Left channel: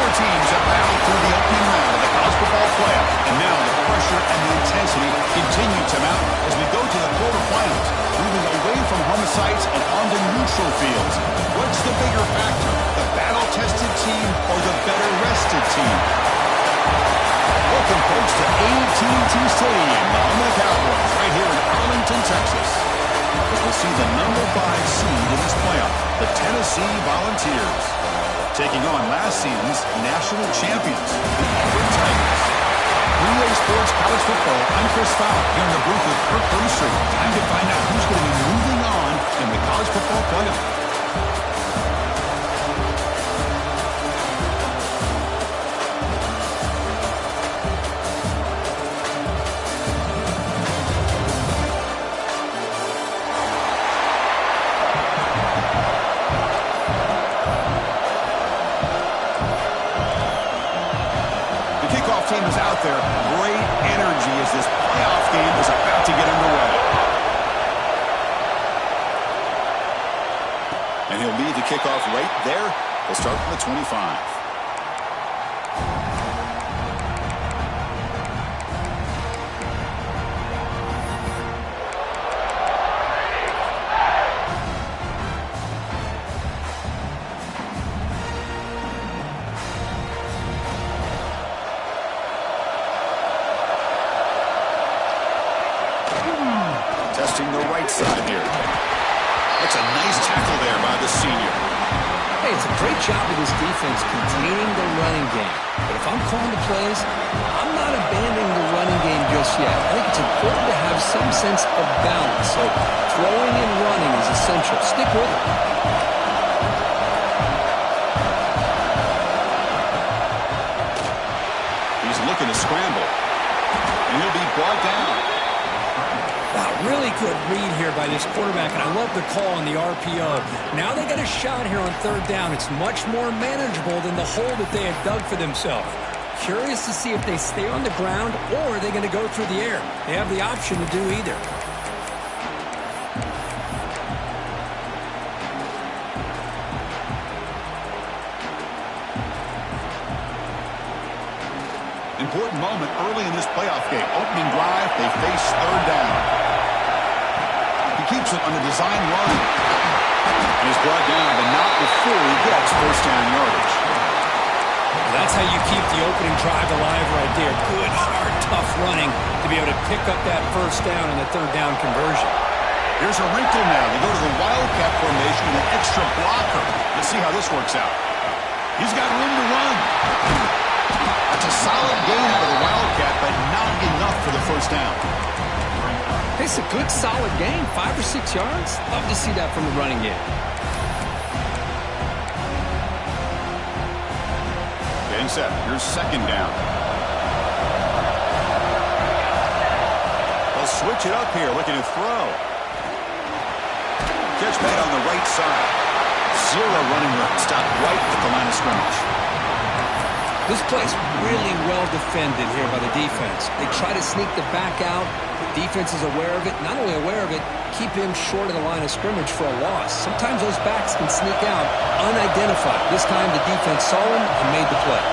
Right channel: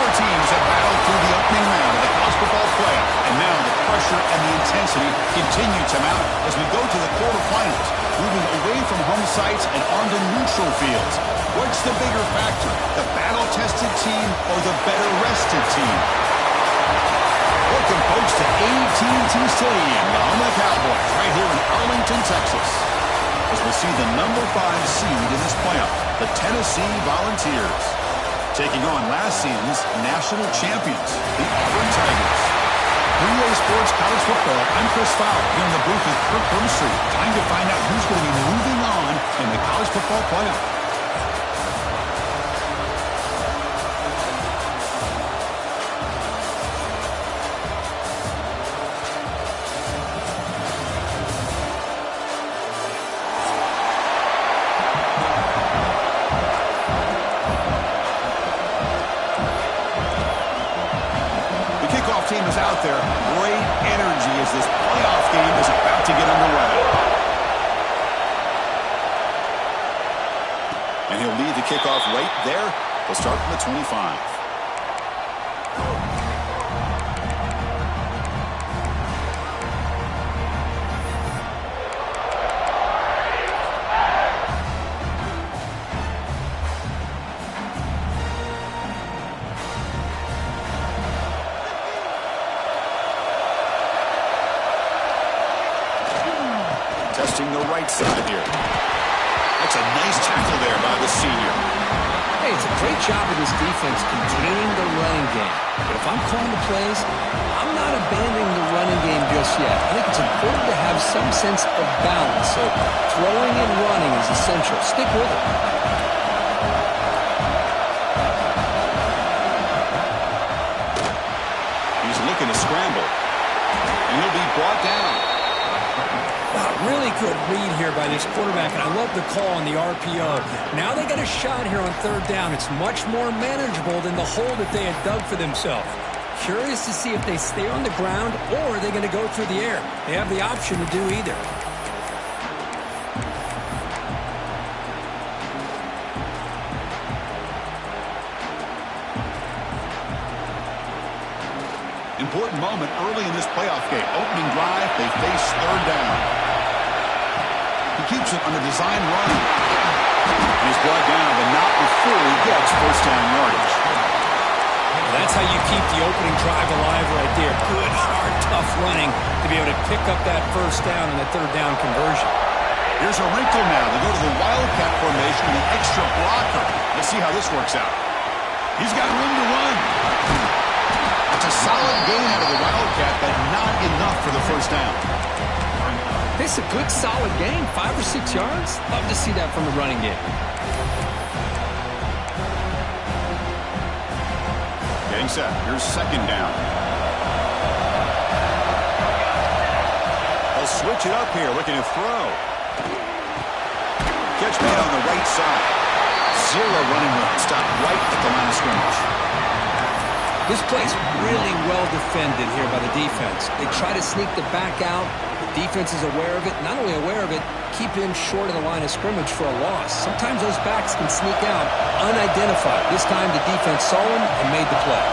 Four teams have battled through the opening round of the college football playoff, and now the pressure and the intensity continue to mount as we go to the quarterfinals, moving away from home sites and onto neutral fields. What's the bigger factor, the battle-tested team or the better-rested team? Welcome, folks, to AT&T Stadium, the home of the Cowboys, right here in Arlington, Texas, as we'll see the number 5 seed in this playoff, the Tennessee Volunteers, taking on last season's national champions, the Auburn Tigers. 3A Sports College Football, I'm Chris Fowler, here in the booth with Kirk Burnstreet. Time to find out who's going to be moving on in the college football playoff. Team is out there. Great energy as this playoff game is about to get underway. And he'll lead the kickoff right there. He'll start from the 25. Testing the right side here. That's a nice tackle there by the senior. Hey, it's a great job of this defense containing the running game. But if I'm calling the plays, I'm not abandoning the running game just yet. I think it's important to have some sense of balance. So throwing and running is essential. Stick with it. He's looking to scramble. And he'll be brought down. Wow, really good read here by this quarterback, and I love the call on the RPO. Now they got a shot here on third down. It's much more manageable than the hole that they had dug for themselves. Curious to see if they stay on the ground or are they going to go through the air. They have the option to do either. Important moment early in this playoff game. Opening drive, they face third down. He keeps it on the design run. And he's brought down, but not before he gets first down yardage. That's how you keep the opening drive alive right there. Good, hard, tough running to be able to pick up that first down and the third down conversion. Here's a wrinkle now. They go to the Wildcat formation with an extra blocker. Let's see how this works out. He's got room to run. That's a solid gain out of the Wildcat, but not enough for the first down. It's a good, solid gain, 5 or 6 yards. Love to see that from the running game. Getting set. Here's second down. They'll switch it up here, looking to throw. Catch made on the right side. Zero running room. Stopped right at the line of scrimmage. This play's really well defended here by the defense. They try to sneak the back out. The defense is aware of it. Not only aware of it, keep him short of the line of scrimmage for a loss. Sometimes those backs can sneak out unidentified. This time the defense saw him and made the play.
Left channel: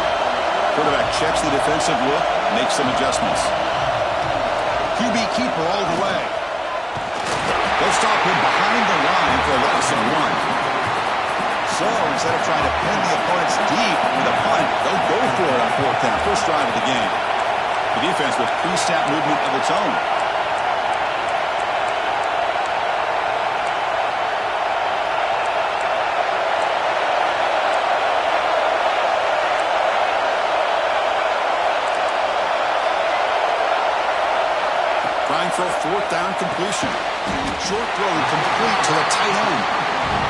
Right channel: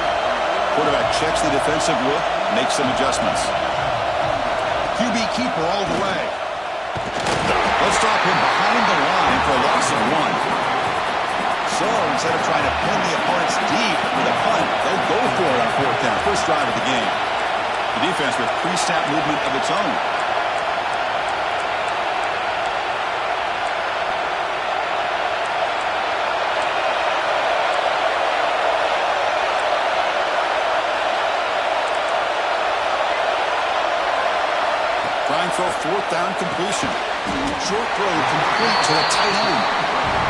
Quarterback checks the defensive look, makes some adjustments. QB keeper all the way. They'll stop him behind the line for a loss of 1. So instead of trying to pin the opponents deep with a punt, they'll go for it on fourth down. First drive of the game. The defense with pre-snap movement of its own. Trying for a fourth down completion. Short throw complete to the tight end.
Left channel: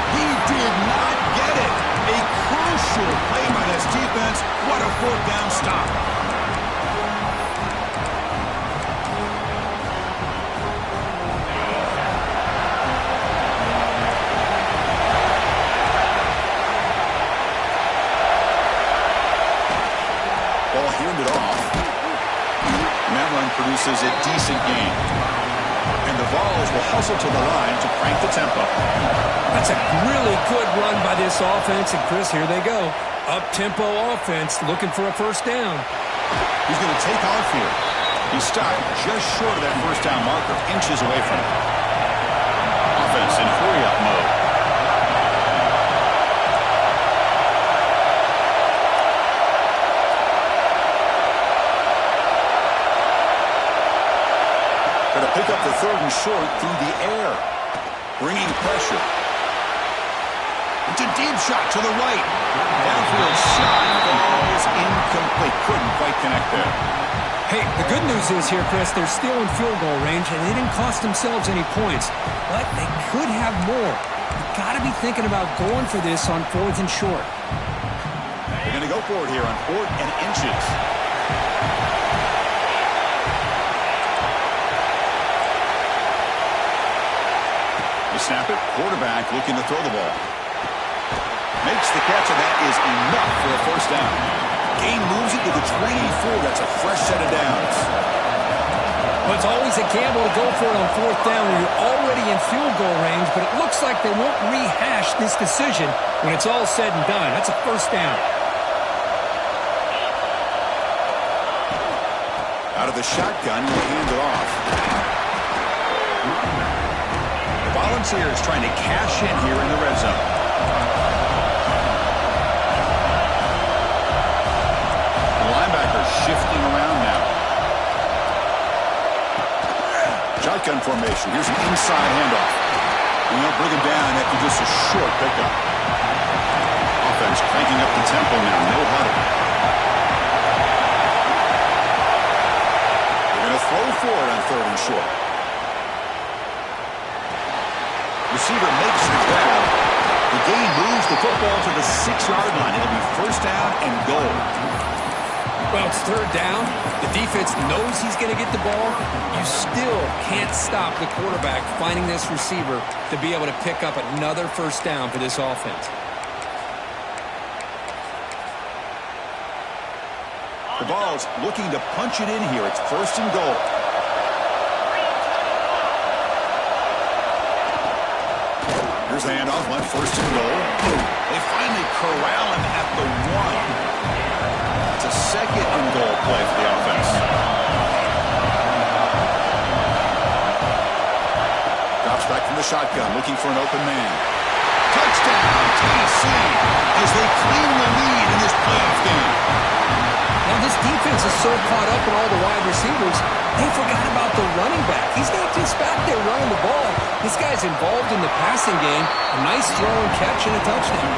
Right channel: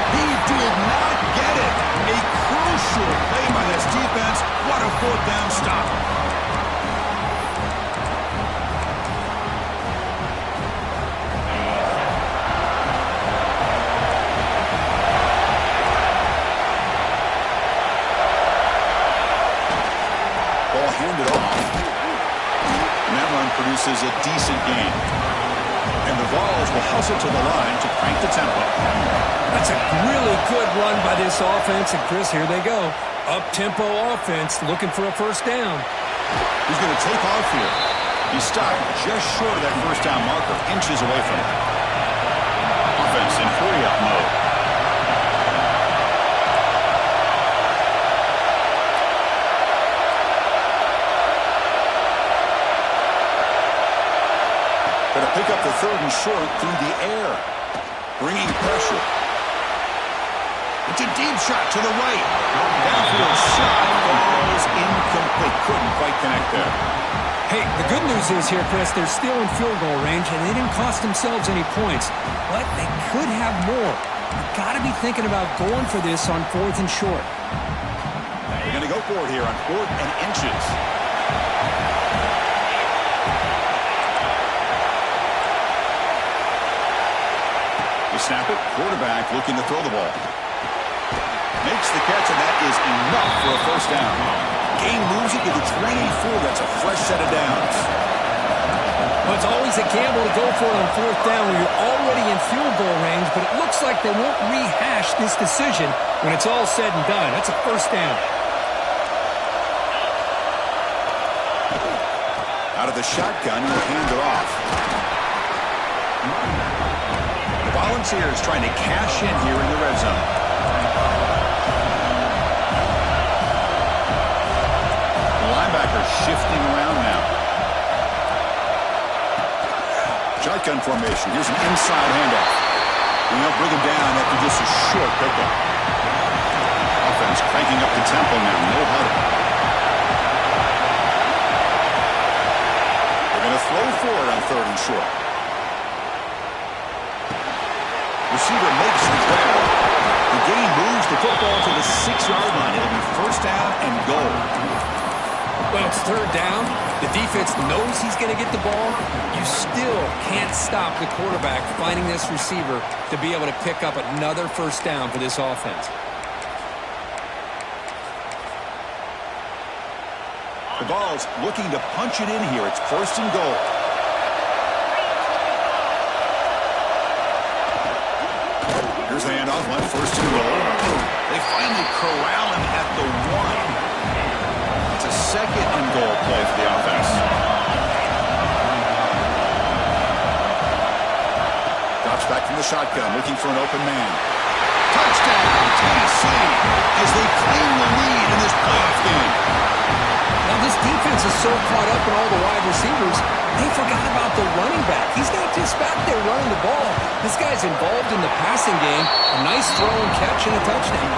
He did not get it. A crucial play by this defense. What a fourth down stop. Ball handed off. And that run produces a decent gain. And the Vols will hustle to the line to crank the tempo. That's a really good run by this offense. And, Chris, here they go. Up-tempo offense looking for a first down. He's going to take off here. He's stopped just short of that first down marker, inches away from it. Offense in hurry-up mode. Going to pick up the third and short through the air. Bringing pressure. It's a deep shot to the right. Downfield shot falls incomplete. Couldn't quite connect there. Hey, the good news is here, Chris, they're still in field goal range, and they didn't cost themselves any points. But they could have more. You've got to be thinking about going for this on 4th and short. They're going to go for it here on 4th and inches. They snap it. Quarterback looking to throw the ball. Makes the catch, and that is enough for a first down. Gain moves it to the 24. That's a fresh set of downs. Well, it's always a gamble to go for it on 4th down when you're already in field goal range, but it looks like they won't rehash this decision when it's all said and done. That's a first down. Out of the shotgun, he'll hand it off. The Volunteers trying to cash in here in the red zone. Linebacker shifting around now. Shotgun formation. Here's an inside handoff. And they'll bring him down after just a short pickup. Offense cranking up the tempo now. No huddle. They're going to throw for it on 3rd and short. Receiver makes the grab. The gain moves the football to the 6-yard line. It'll be first down and goal. Well, it's 3rd down. The defense knows he's going to get the ball. You still can't stop the quarterback finding this receiver to be able to pick up another first down for this offense. The Vols looking to punch it in here. It's 1st and goal. Here's the handoff on 1st and goal. They finally corral him at the 1. It's a 2nd and goal play for the offense. Drops back from the shotgun, looking for an open man. Touchdown, Tennessee, as they claim the lead in this playoff game. Now, this defense is so caught up in all the wide receivers, they forgot about the running back. He's not just back there running the ball. This guy's involved in the passing game. A nice throw and catch and a touchdown.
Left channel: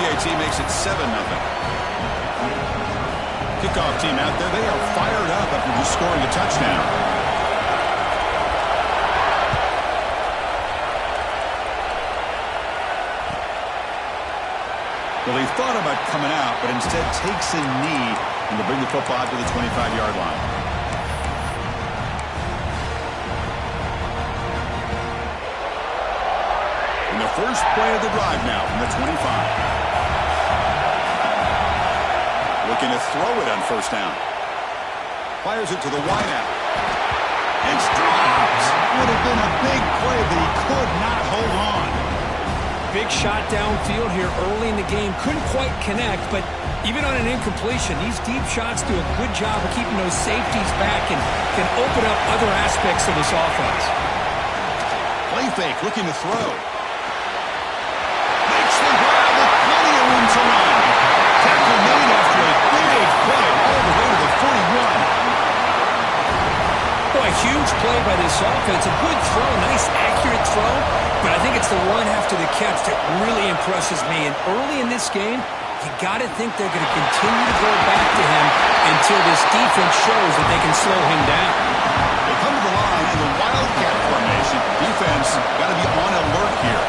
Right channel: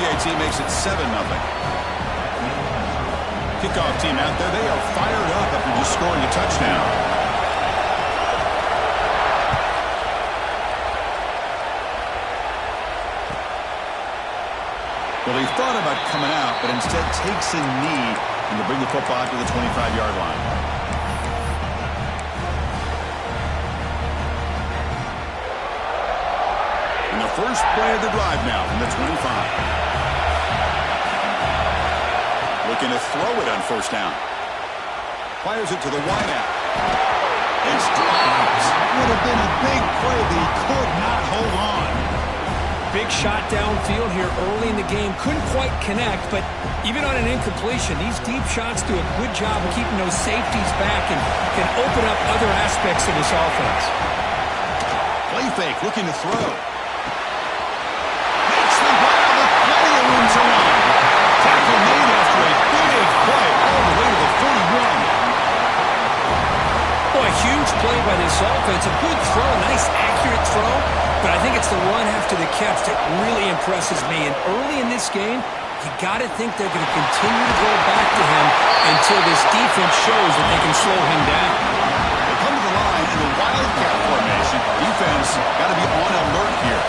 PAT makes it 7-0. Kickoff team out there, they are fired up after just scoring a touchdown. Well, he thought about coming out, but instead takes a knee and will bring the football to the 25-yard line. And the first play of the drive now from the 25. Looking to throw it on 1st down. Fires it to the wideout. It's dropped. Would have been a big play, but he could not hold on. Big shot downfield here early in the game. Couldn't quite connect, but even on an incompletion, these deep shots do a good job of keeping those safeties back and can open up other aspects of this offense. Play fake, looking to throw. Makes the grab with plenty of room to run. Tackle made after a big play all the way to the 41. Boy, a huge play by this offense. A good throw, a nice accurate throw. But I think it's the run after the catch that really impresses me. And early in this game, you got to think they're going to continue to go back to him until this defense shows that they can slow him down. They come to the line in the Wildcat formation. Defense got to be on alert here.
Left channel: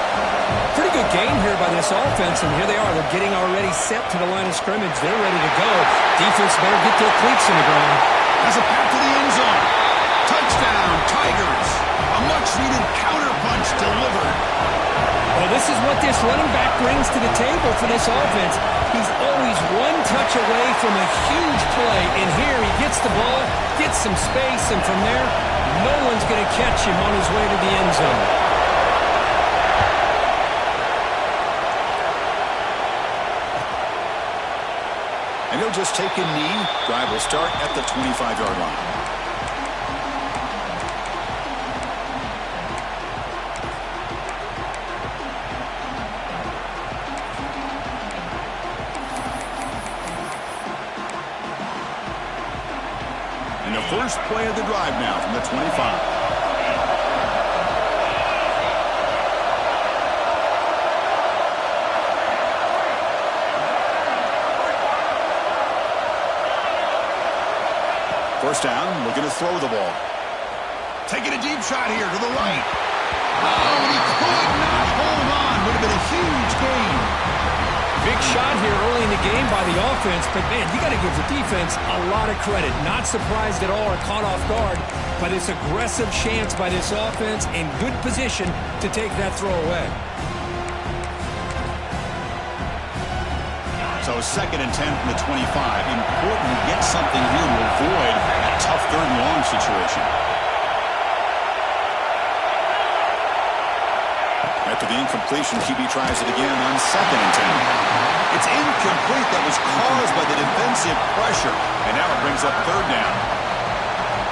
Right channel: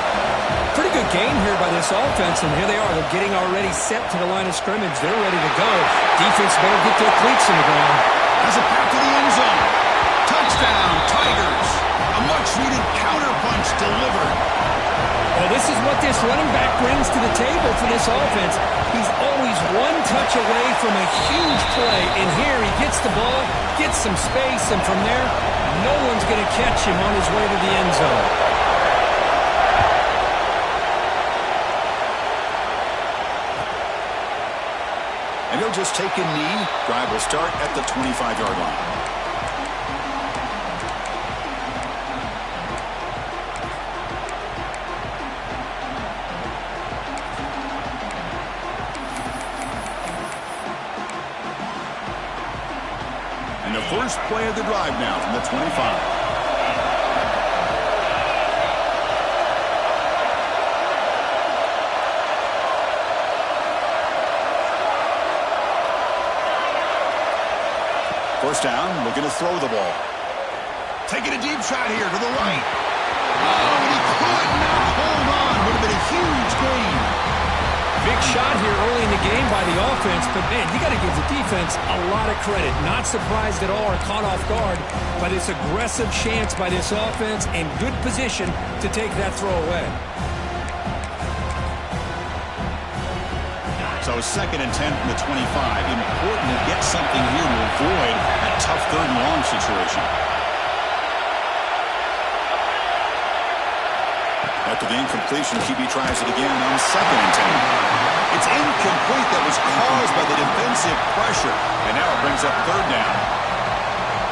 Pretty good gain here by this offense, and here they are. They're getting already set to the line of scrimmage. They're ready to go. Defense better get their cleats in the ground. Has a path to the end zone. Touchdown, Tigers. A much-needed counter-punch delivered. Well, this is what this running back brings to the table for this offense. He's always one touch away from a huge play, and here he gets the ball, gets some space, and from there, no one's going to catch him on his way to the end zone. And he'll just take a knee. Drive will start at the 25-yard line. And the first play of the drive now from the 25. First down, looking to throw the ball. Taking a deep shot here to the right. Oh, and he could not hold on. Would have been a huge gain. Big shot here early in the game by the offense, but, man, you got to give the defense a lot of credit. Not surprised at all or caught off guard by this aggressive chance by this offense in good position to take that throw away. So 2nd and 10 from the 25. Important to get something here to avoid that tough 3rd and long situation. After the incompletion, QB tries it again on 2nd and 10. It's incomplete. That was caused by the defensive pressure. And now it brings up 3rd down.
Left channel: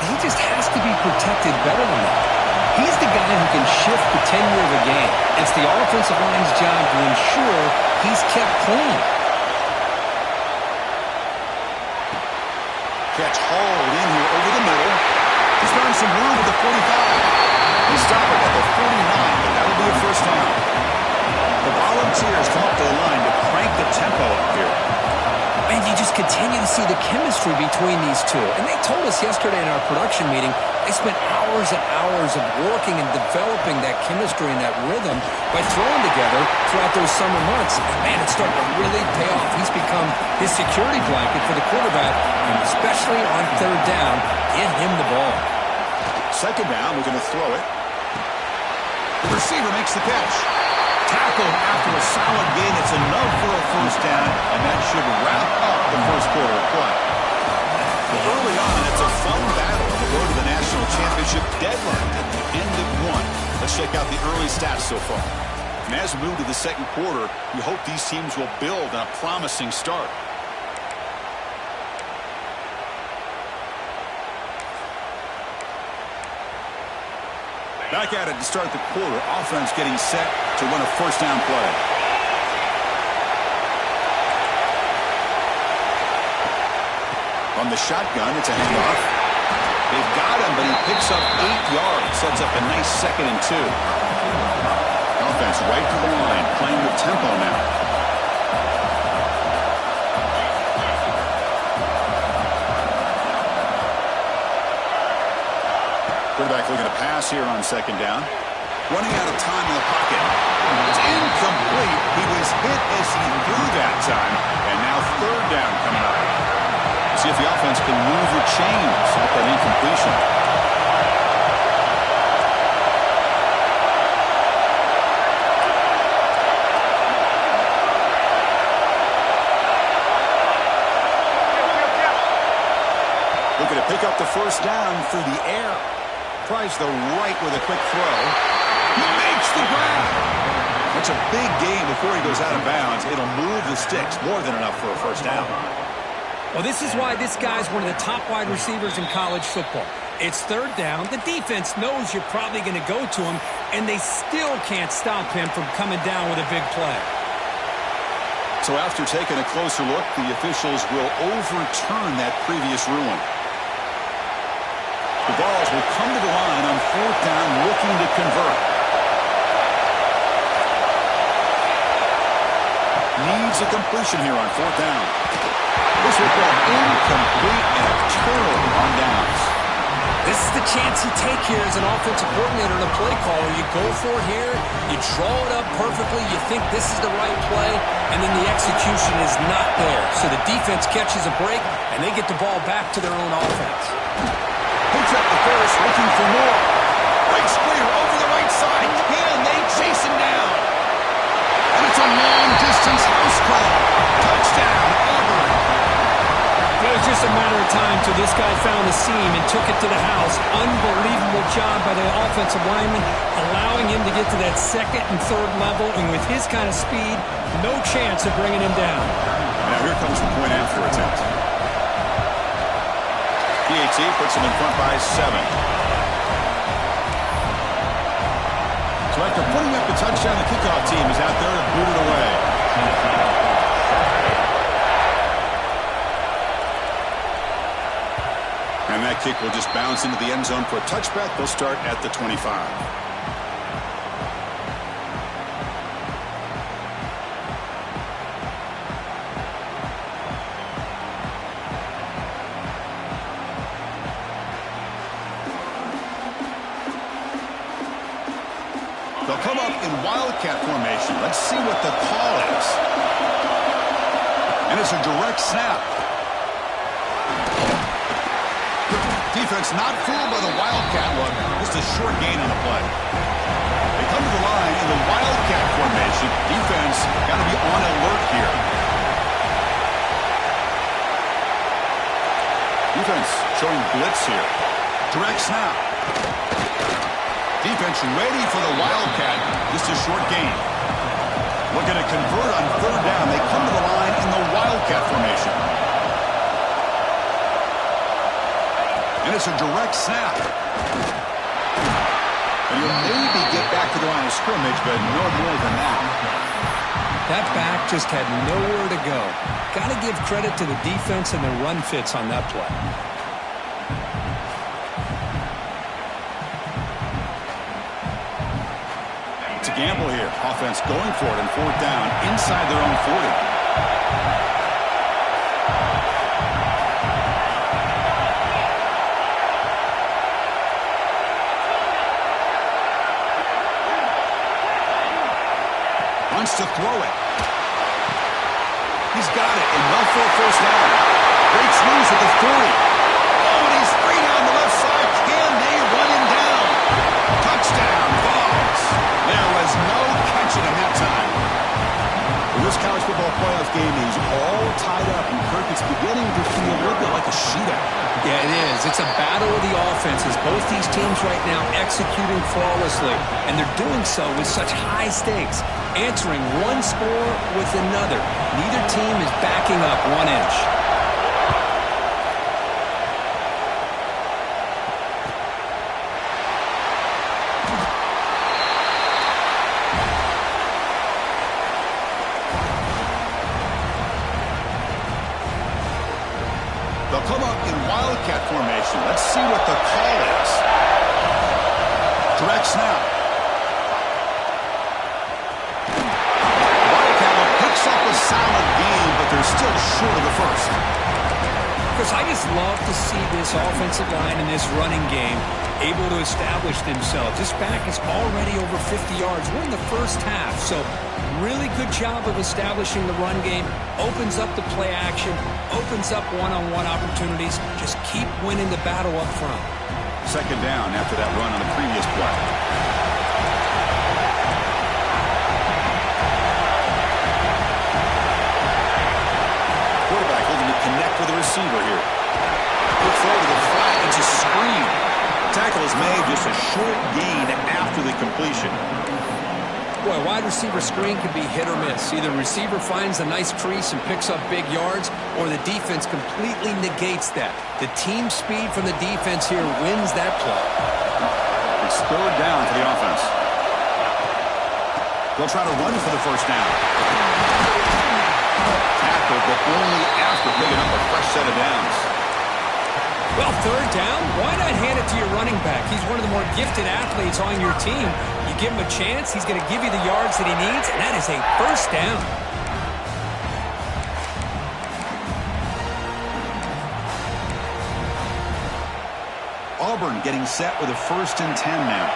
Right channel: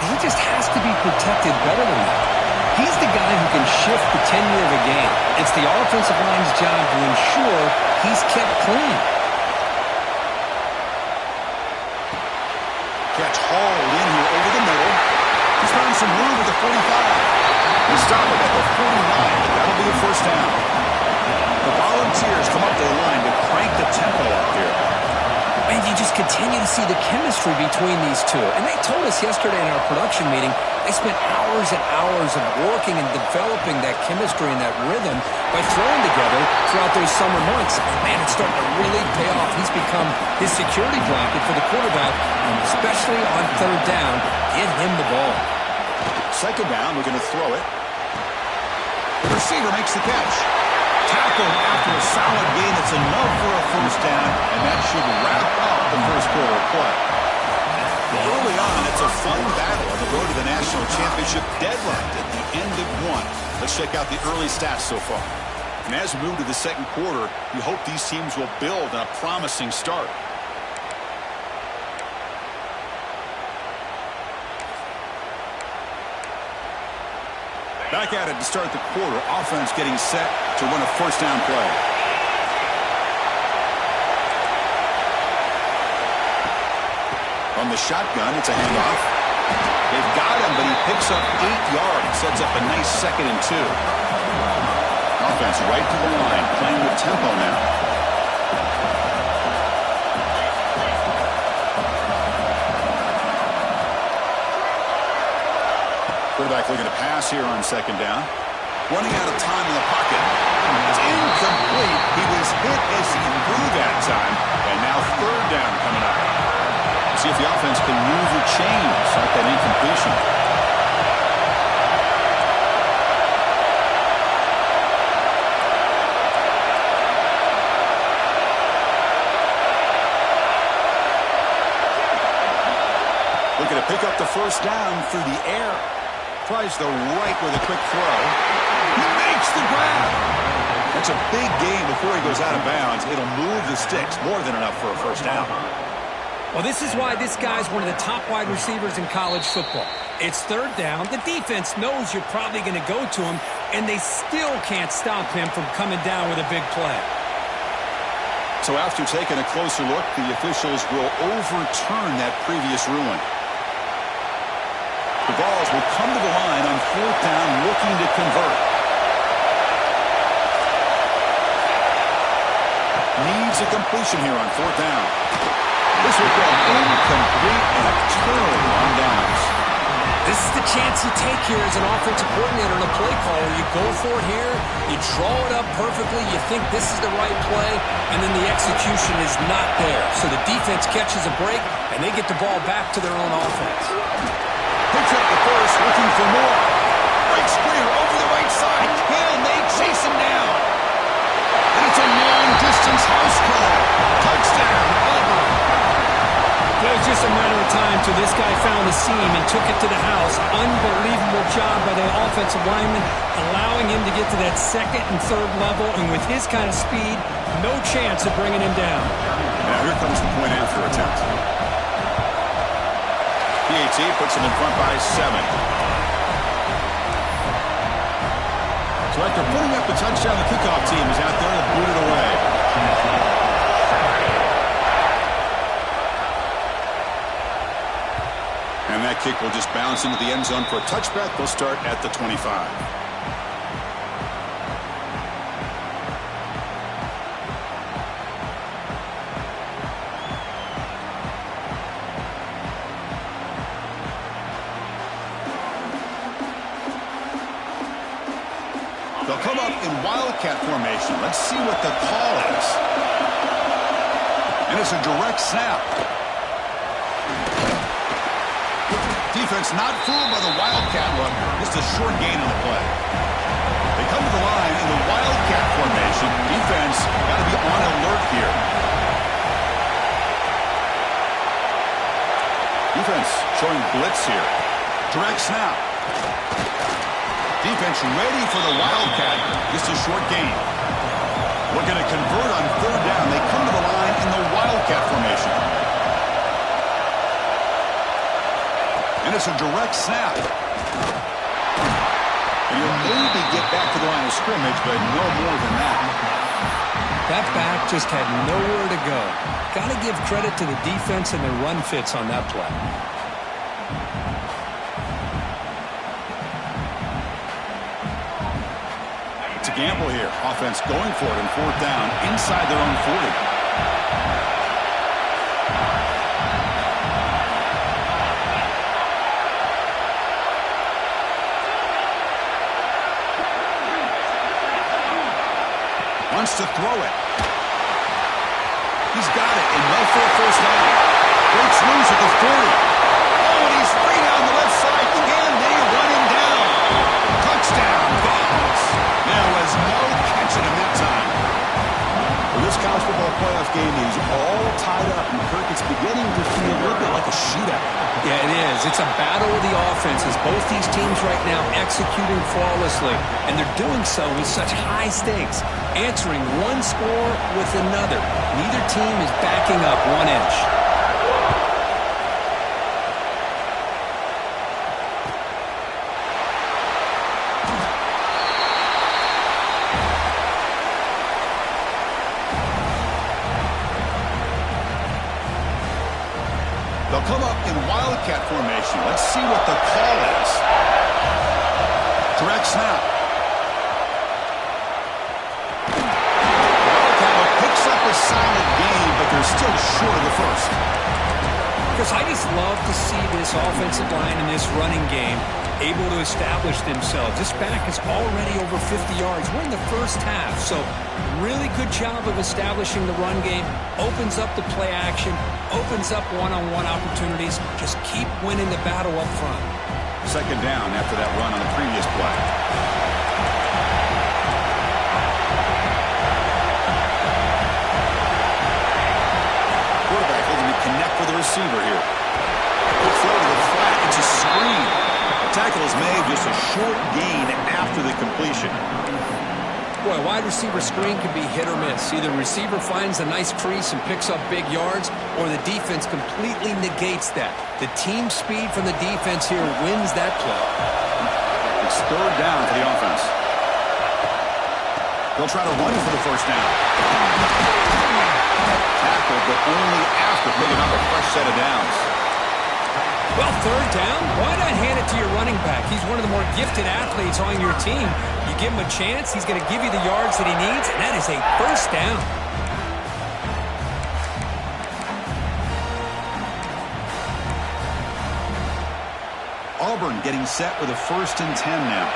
He just has to be protected better than that. He's the guy who can shift the tenure of a game. It's the offensive line's job to ensure he's kept clean. Catch hauled in here over the middle. He's found some room at the 45. He'll stop it at the 49, but that'll be a first down. The Volunteers come up to the line to crank the tempo up here. And you just continue to see the chemistry between these two. And they told us yesterday in our production meeting, they spent hours and hours of working and developing that chemistry and that rhythm by throwing together throughout those summer months. And, man, it's starting to really pay off. He's become his security blanket for the quarterback, and especially on 3rd down, get him the ball. 2nd down, we're going to throw it. The receiver makes the catch. Tackled after a solid gain. It's enough for a first down, and that should wrap up the first quarter of play. Early on, it's a fun battle on the road to the national championship deadline at the end of 1. Let's check out the early stats so far. And as we move to the 2nd quarter, we hope these teams will build on a promising start. Back at it to start the quarter. Offense getting set to run a first down play. On the shotgun, it's a handoff. They've got him, but he picks up 8 yards. Sets up a nice 2nd and 2. Offense right to the line, playing with tempo now. Quarterback looking to pass here on 2nd down. Running out of time in the pocket. It's incomplete. He was hit as he threw that time. And now 3rd down coming up. See if the offense can move the chains off that incompletion. Looking to pick up the first down through the air. Tries the right with a quick throw. He makes the grab. That's a big gain before he goes out of bounds. It'll move the sticks. More than enough for a first down. Well, this is why this guy's one of the top wide receivers in college football. It's 3rd down. The defense knows you're probably going to go to him, and they still can't stop him from coming down with a big play. So after taking a closer look, the officials will overturn that previous ruling. The Vols will come to the line on 4th down, looking to convert. Needs a completion here on 4th down. This will go incomplete and a turnover on downs. This is the chance you take here as an offensive coordinator and a play caller. You go for it here, you draw it up perfectly, you think this is the right play, and then the execution is not there. So the defense catches a break, and they get the ball back to their own offense. Picks up the first, looking for more. Breaks clear over the right side. Can they chase him down? And it's a long-distance house call. Touchdown, Auburn. It was just a matter of time till this guy found the seam and took it to the house. Unbelievable job by the offensive lineman, allowing him to get to that 2nd and 3rd level. And with his kind of speed, no chance of bringing him down. Now here comes the point after attempt. PAT puts him in front by 7. So after putting up the touchdown, the kickoff team is out there to boot it away. And that kick will just bounce into the end zone for a touchback. They'll start at the 25. They'll come up in wildcat formation. Let's see what the call is. And it's a direct snap. Defense not fooled by the wildcat look. Just a short gain on the play. They come to the line in the wildcat formation. Defense got to be on alert here. Defense showing blitz here. Direct snap. Defense ready for the wildcat. Just a short gain. Looking to convert on third down. They come to the line in the wildcat formation. And it's a direct snap. And you'll maybe get back to the line of scrimmage, but no more than that. That back just had nowhere to go. Got to give credit to the defense and their run fits on that play. It's a gamble here. Offense going for it in fourth down inside their own 40. Wants to throw it. He's got it and well for a first down. Breaks loose at the 40. Oh, and he's free down the left side. Can they run him down? Touchdown, Vols. There was no catching him that time. Well, this college football playoff game is all tied up, and Kirk, it's beginning to feel a little bit like a shootout. Yeah, it is. It's a battle of the offenses. Both these teams right now executing flawlessly, and they're doing so with such high stakes, answering one score with another. Neither team is backing up 1 inch. They'll come up in wildcat formation. Let's see what the call is. Direct snap. Wildcat picks up a solid gain, but they're still short of the first. Because I just love to see this offensive line and this running game able to establish themselves. This back is already over 50 yards. We're in the first half, so really good job of establishing the run game. Opens up the play action, opens up one-on-one opportunities. Just keep winning the battle up front. Second down after that run on the previous play. Quarterback looking to connect with the receiver here. Good throw to the flat. It's a screen. Tackle is made, just a short gain after the completion. Boy, a wide receiver screen can be hit or miss. Either receiver finds a nice crease and picks up big yards, or the defense completely negates that. The team speed from the defense here wins that play. It's third down for the offense. They'll try to run for the first down. Tackled, but only after picking up a fresh set of downs. Well, third down, why not hand it to your running back? He's one of the more gifted athletes on your team. You give him a chance, he's going to give you the yards that he needs, and that is a first down. Auburn getting set with a 1st and 10 now.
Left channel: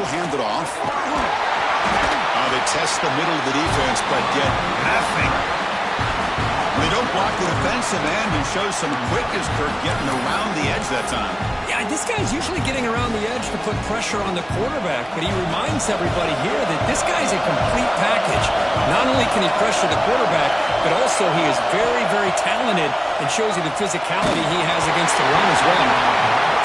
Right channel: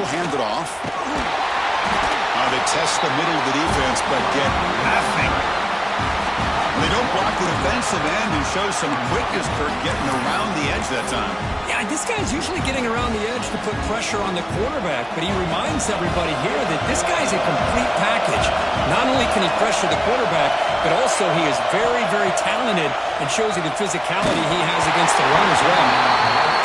We'll hand it off. They test the middle of the defense, but get nothing. They don't block the defensive end and show some quickness, Kirk, getting around the edge that time. Yeah, this guy's usually getting around the edge to put pressure on the quarterback, but he reminds everybody here that this guy's a complete package. Not only can he pressure the quarterback, but also he is very, very talented and shows you the physicality he has against the run as well.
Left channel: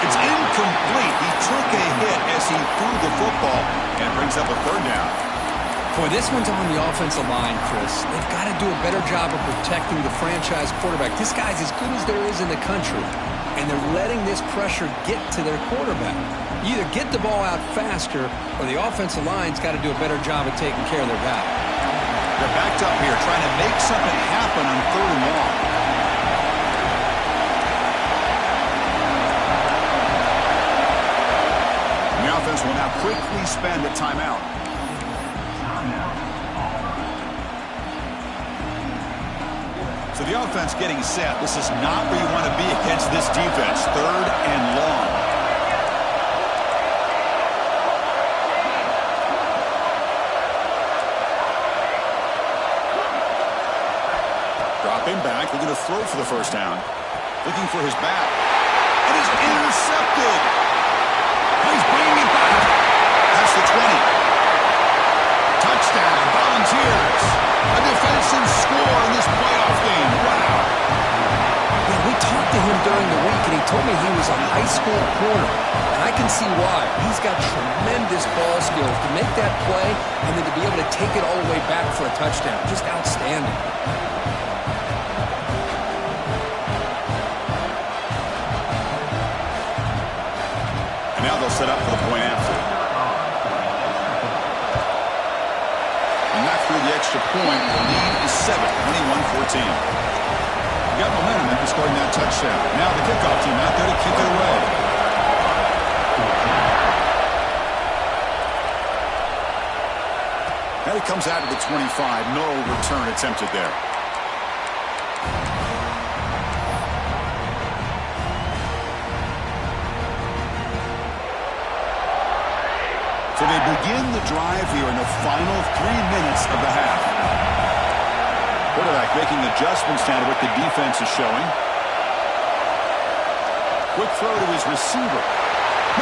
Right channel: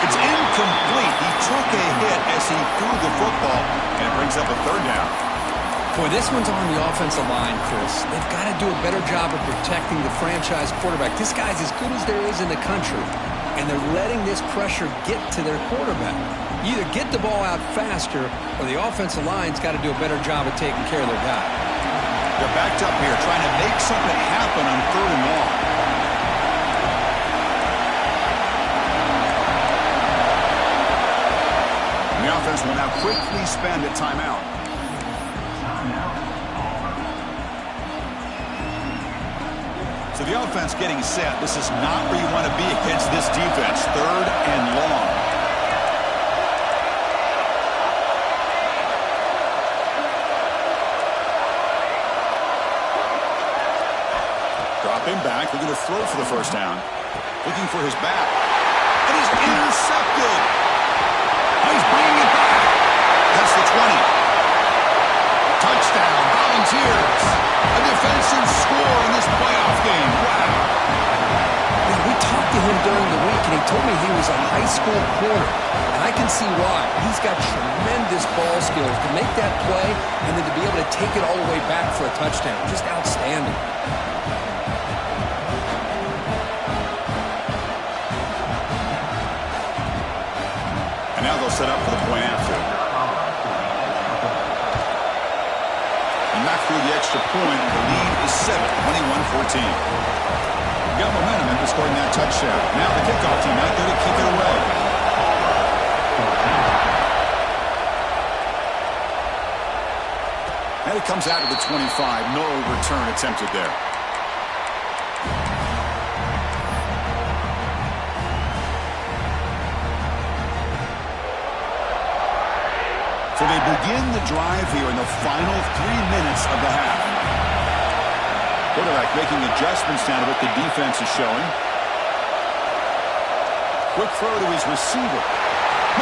It's incomplete. He took a hit as he threw the football, and it brings up a third down. Boy, this one's on the offensive line, Chris. They've got to do a better job of protecting the franchise quarterback. This guy's as good as there is in the country, and they're letting this pressure get to their quarterback. You either get the ball out faster, or the offensive line's got to do a better job of taking care of their guy. They're backed up here, trying to make something happen on 3rd and long. And the offense will now quickly spend a timeout. So the offense getting set. This is not where you want to be against this defense. 3rd and long. Dropping back, looking to throw for the first down. Looking for his back. And he's intercepted. He's bringing it back. That's the 20. Touchdown, Volunteers. A defensive score in this playoff game. Wow. Yeah, we talked to him during the week, and he told me he was a high school corner. And I can see why. He's got tremendous ball skills to make that play and then to be able to take it all the way back for a touchdown. Just outstanding. And now they'll set up for the point after. And not through the extra point. The lead is 7, 21-14. Got momentum after scoring that touchdown. Now the kickoff team out there to kick it away. And it comes out to the 25. No return attempted there. So they begin the drive here in the final 3 minutes of the half. Quarterback making adjustments now to what the defense is showing. Quick throw to his receiver.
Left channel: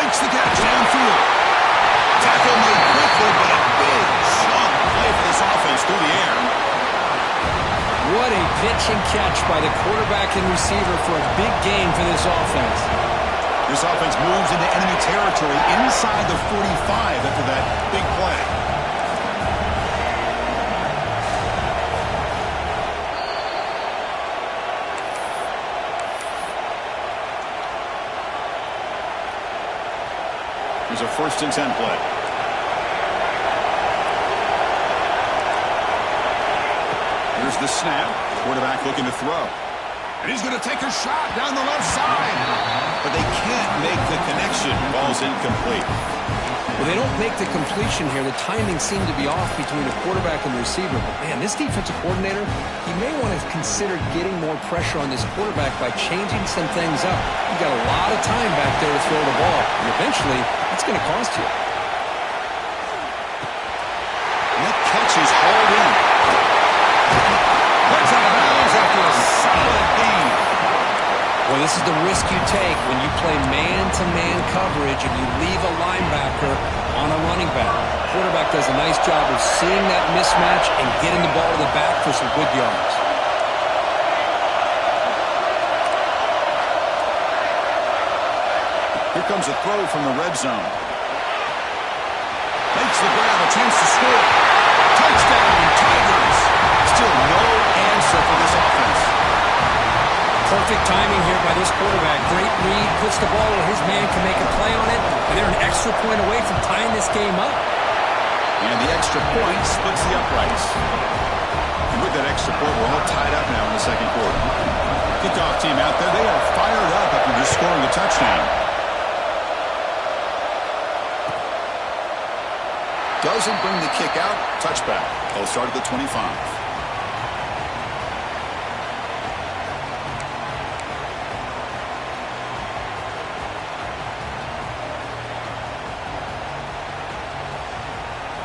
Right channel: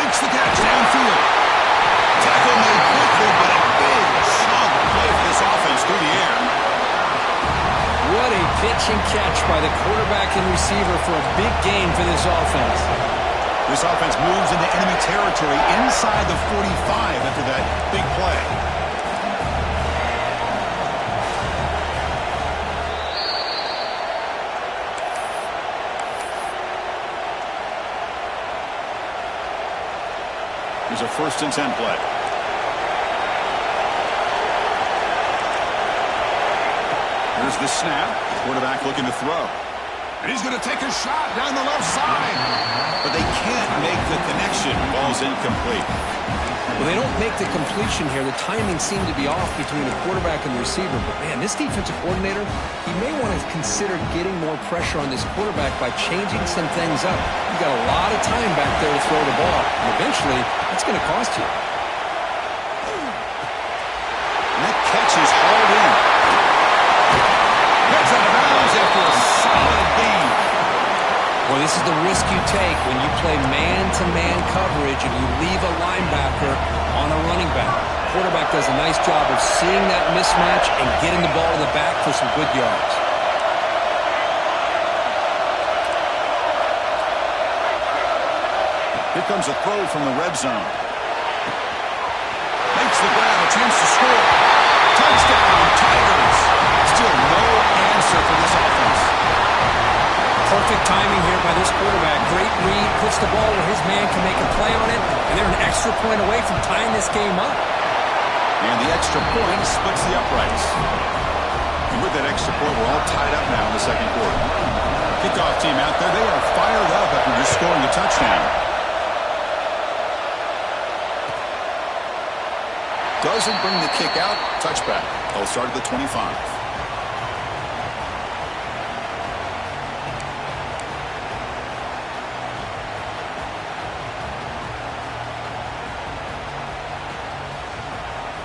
Makes the catch downfield. Tackle made quickly, but a big chunk play for this offense through the air. What a pitch and catch by the quarterback and receiver for a big gain for this offense. This offense moves into enemy territory inside the 45 after that big play. Here's a 1st and 10 play. Here's the snap. Quarterback looking to throw. And he's going to take a shot down the left side. But they can't make the connection. Ball's incomplete. Well, they don't make the completion here. The timing seemed to be off between the quarterback and the receiver. But, man, this defensive coordinator, he may want to consider getting more pressure on this quarterback by changing some things up. You got a lot of time back there to throw the ball. And eventually, that's going to cost you. And that catch is hauled in. That's out of bounds after a solid gain. Well, this is the risk you take when you play man-to-man coverage and you leave a linebacker on a running back. Quarterback does a nice job of seeing that mismatch and getting the ball to the back for some good yards. Here comes a throw from the red zone. Makes the grab, a chance to score. Touchdown, Tigers. Still no answer for this offense. Perfect timing here by this quarterback. Great read, puts the ball where his man can make a play on it, and they're an extra point away from tying this game up. And the extra point splits the uprights. And with that extra point, we're all tied up now in the 2nd quarter. Kickoff team out there, they are fired up after just scoring a touchdown. Doesn't bring the kick out, touchback. They'll start at the 25.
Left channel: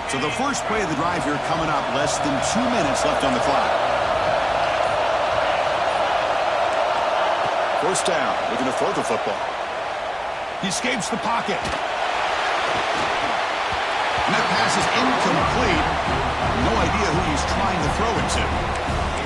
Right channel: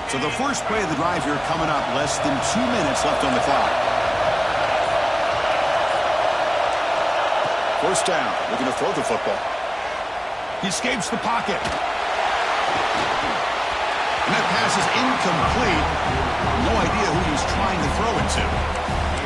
So the first play of the drive here coming up, less than 2 minutes left on the clock. First down, looking to throw the football. He escapes the pocket. And that pass is incomplete. No idea who he's trying to throw it to.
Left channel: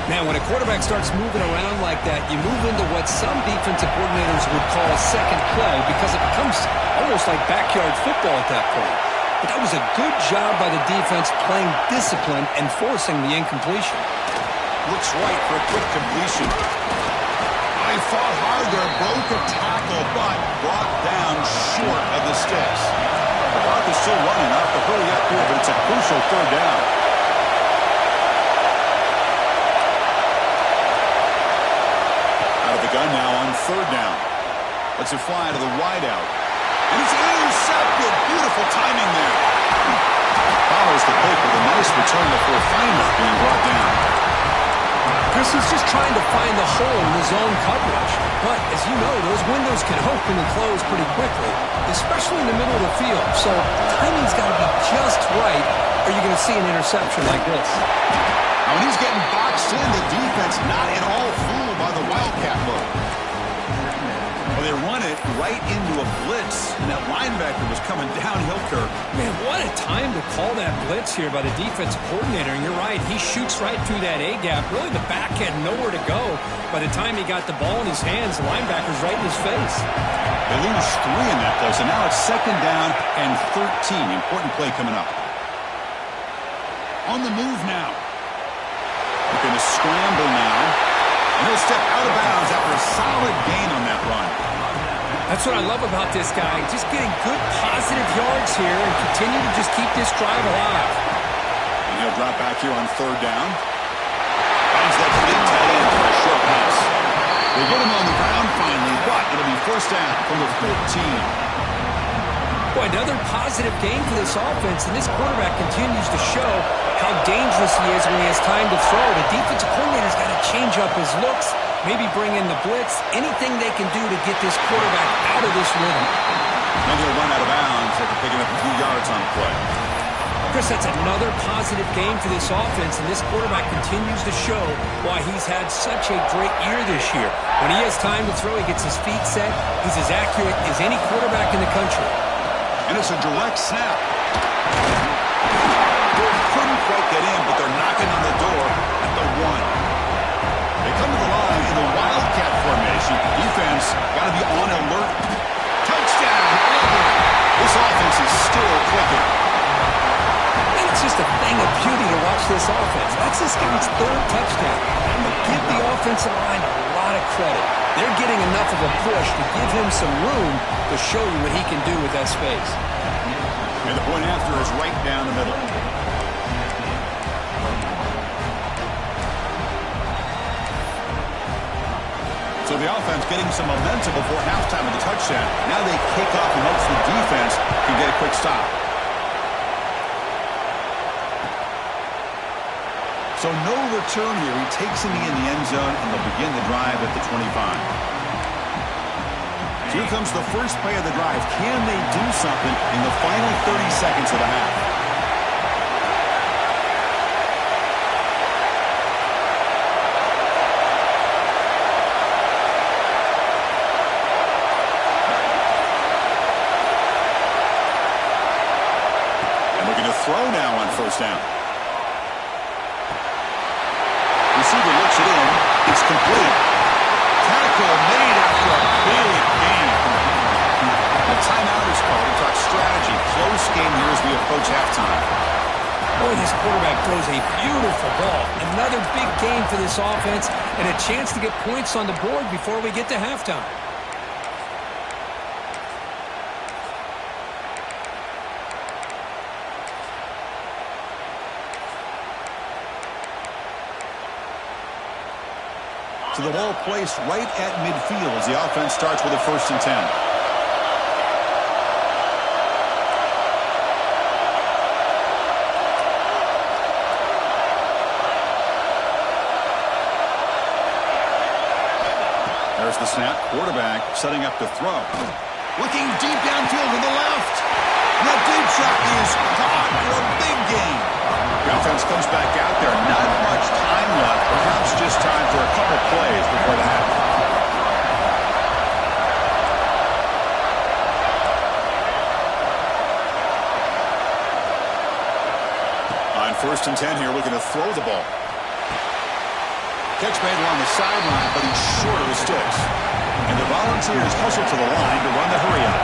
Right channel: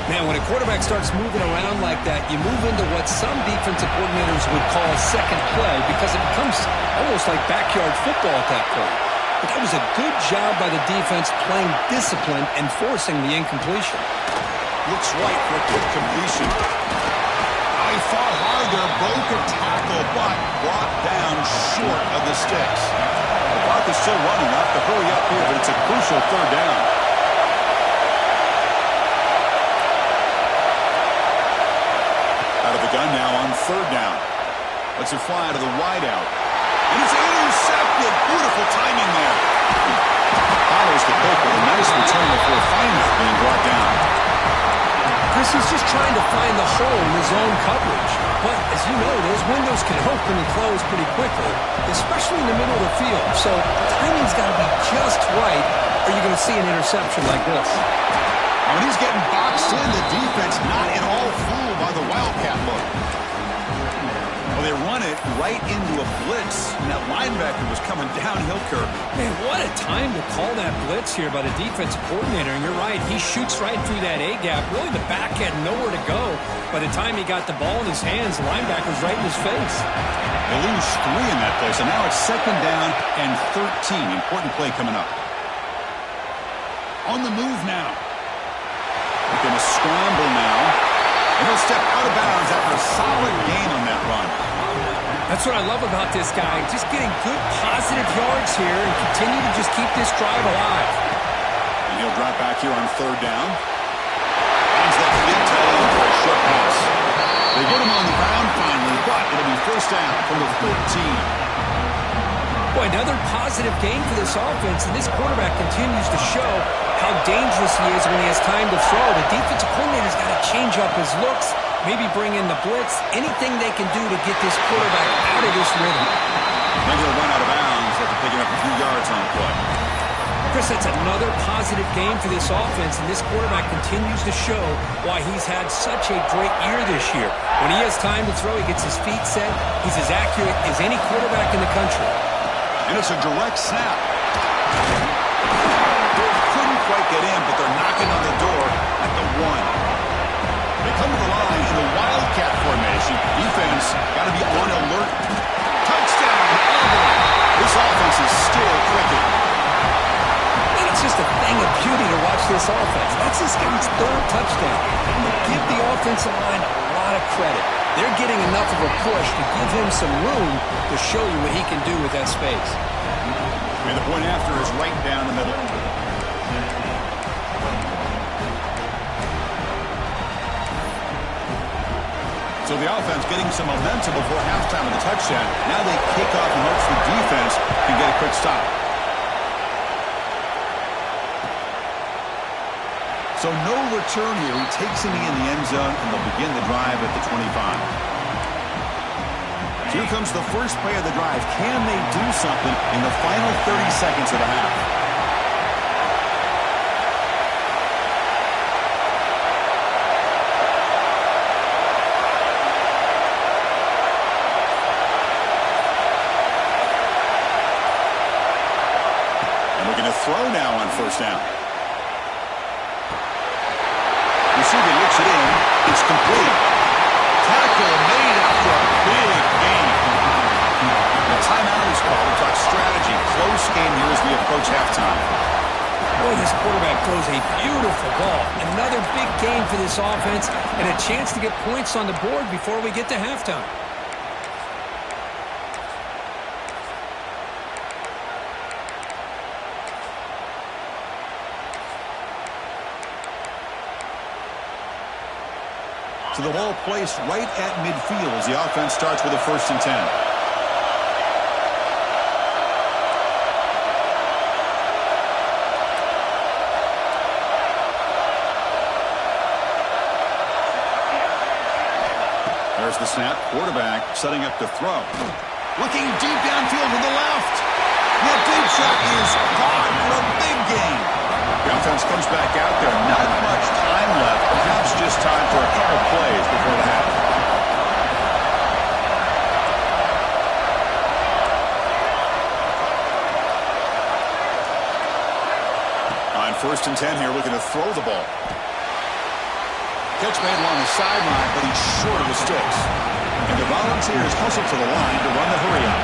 Man, when a quarterback starts moving around like that, you move into what some defensive coordinators would call second play because it becomes almost like backyard football at that point. but that was a good job by the defense playing discipline and forcing the incompletion. Looks right for a quick completion. Oh, he fought hard there, broke a tackle, but brought down short of the sticks. The clock is still running. Off to hurry up here, but it's a crucial third down. Out of the gun now on third down. Lets it fly to the wideout. And it's intercepted. Beautiful timing there. Follows the pick with a nice return before finally being brought down. Chris is just trying to find the hole in his own coverage. But, as you know, those windows can open and close pretty quickly, especially in the middle of the field. So, timing's got to be just right, or you're going to see an interception like this. Now, when he's getting boxed in, the defense not at all fooled by the Wildcat look. Well, they run it right into a blitz, and that linebacker was coming downhill curve. Man, what a time to call that blitz here by the defensive coordinator. And you're right, he shoots right through that A-gap. Really, the back had nowhere to go. By the time he got the ball in his hands, the linebacker's right in his face. They lose 3 in that play, so now it's second down and 13. Important play coming up. On the move now. They're going to scramble now. And he'll step out of bounds after a solid gain on that run. That's what I love about this guy. Just getting good positive yards here and continue to just keep this drive alive. And he'll drop back here on third down. Finds that big tight end for a short pass. They get him on the ground finally, but it'll be first down from the 14. Boy, another positive gain for this offense, and this quarterback continues to show how dangerous he is when he has time to throw. The defensive coordinator's got to change up his looks, maybe bring in the blitz, anything they can do to get this quarterback out of this rhythm. Then he'll run out of bounds after picking up a few yards on the play. Chris, that's another positive game for this offense, and this quarterback continues to show why he's had such a great year this year. When he has time to throw, he gets his feet set. He's as accurate as any quarterback in the country. And it's a direct snap. Couldn't quite get in, but they're knocking on the door at the 1. They come to the line in the Wildcat formation. Defense got to be on alert. Touchdown, Auburn. This offense is still clicking. And it's just a thing of beauty to watch this offense. That's this guy's 3rd touchdown. But give the offensive line a lot of credit. They're getting enough of a push to give him some room to show you what he can do with that space. And the point after is right down the middle. So the offense getting some momentum before halftime with the touchdown. Now they kick off in hopes the defense can get a quick stop. So no return here. He takes him in the end zone, and they'll begin the drive at the 25. So here comes the first play of the drive. Can they do something in the final 30 seconds of the half? And looking to throw now on first down. Receiver looks it in. It's complete. Tackle made after a big gain. The timeout is called to talk strategy. Close game here as we approach halftime. Boy, this quarterback throws a beautiful ball. Another big game for this offense and a chance to get points on the board before we get to halftime. So the ball placed right at midfield as the offense starts with a 1st and 10. There's the snap. Quarterback setting up to throw. Looking deep downfield to the left. And that deep shot is caught for a big gain. The offense comes back out there. Not much time left. Perhaps just time for a couple plays before the half. On 1st and 10 here, looking to throw the ball. Catch made along the sideline, but he's short of the sticks. And the Volunteers hustle to the line to run the hurry up.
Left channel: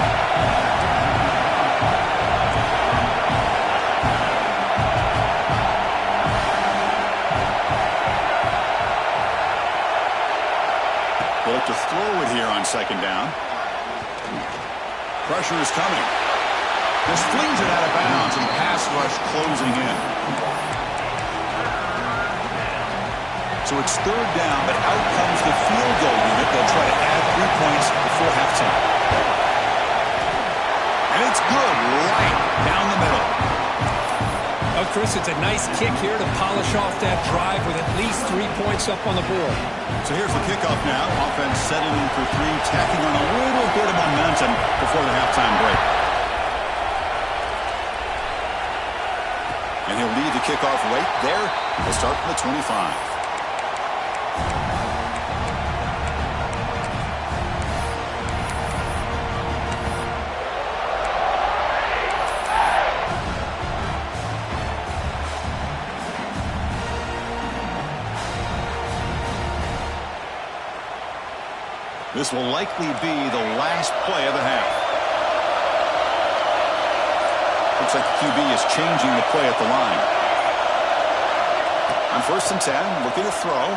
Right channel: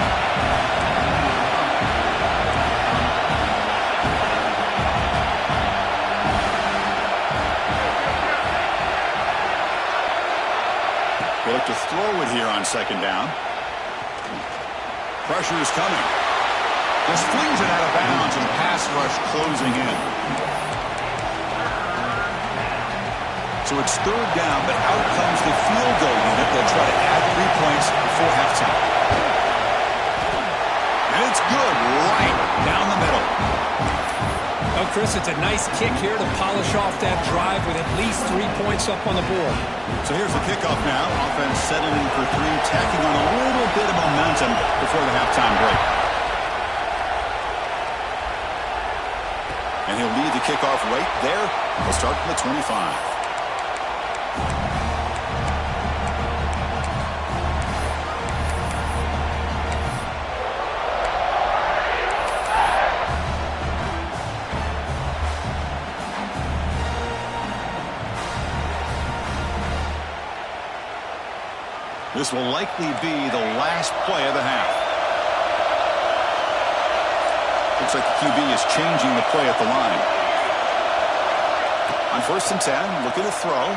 He'll look to throw it here on second down. Pressure is coming. Just flings it out of bounds, and pass rush closing in. So it's third down, but out comes the field goal unit. They'll try to add 3 points before halftime. And it's good right down the middle. Oh, Chris, it's a nice kick here to polish off that drive with at least 3 points up on the board. So here's the kickoff now. Offense settling for 3, tacking on a little bit of momentum before the halftime break. And he'll lead the kickoff right there. We'll start from the 25. This will likely be the last play of the half. Looks like the QB is changing the play at the line. On 1st and 10, looking to throw.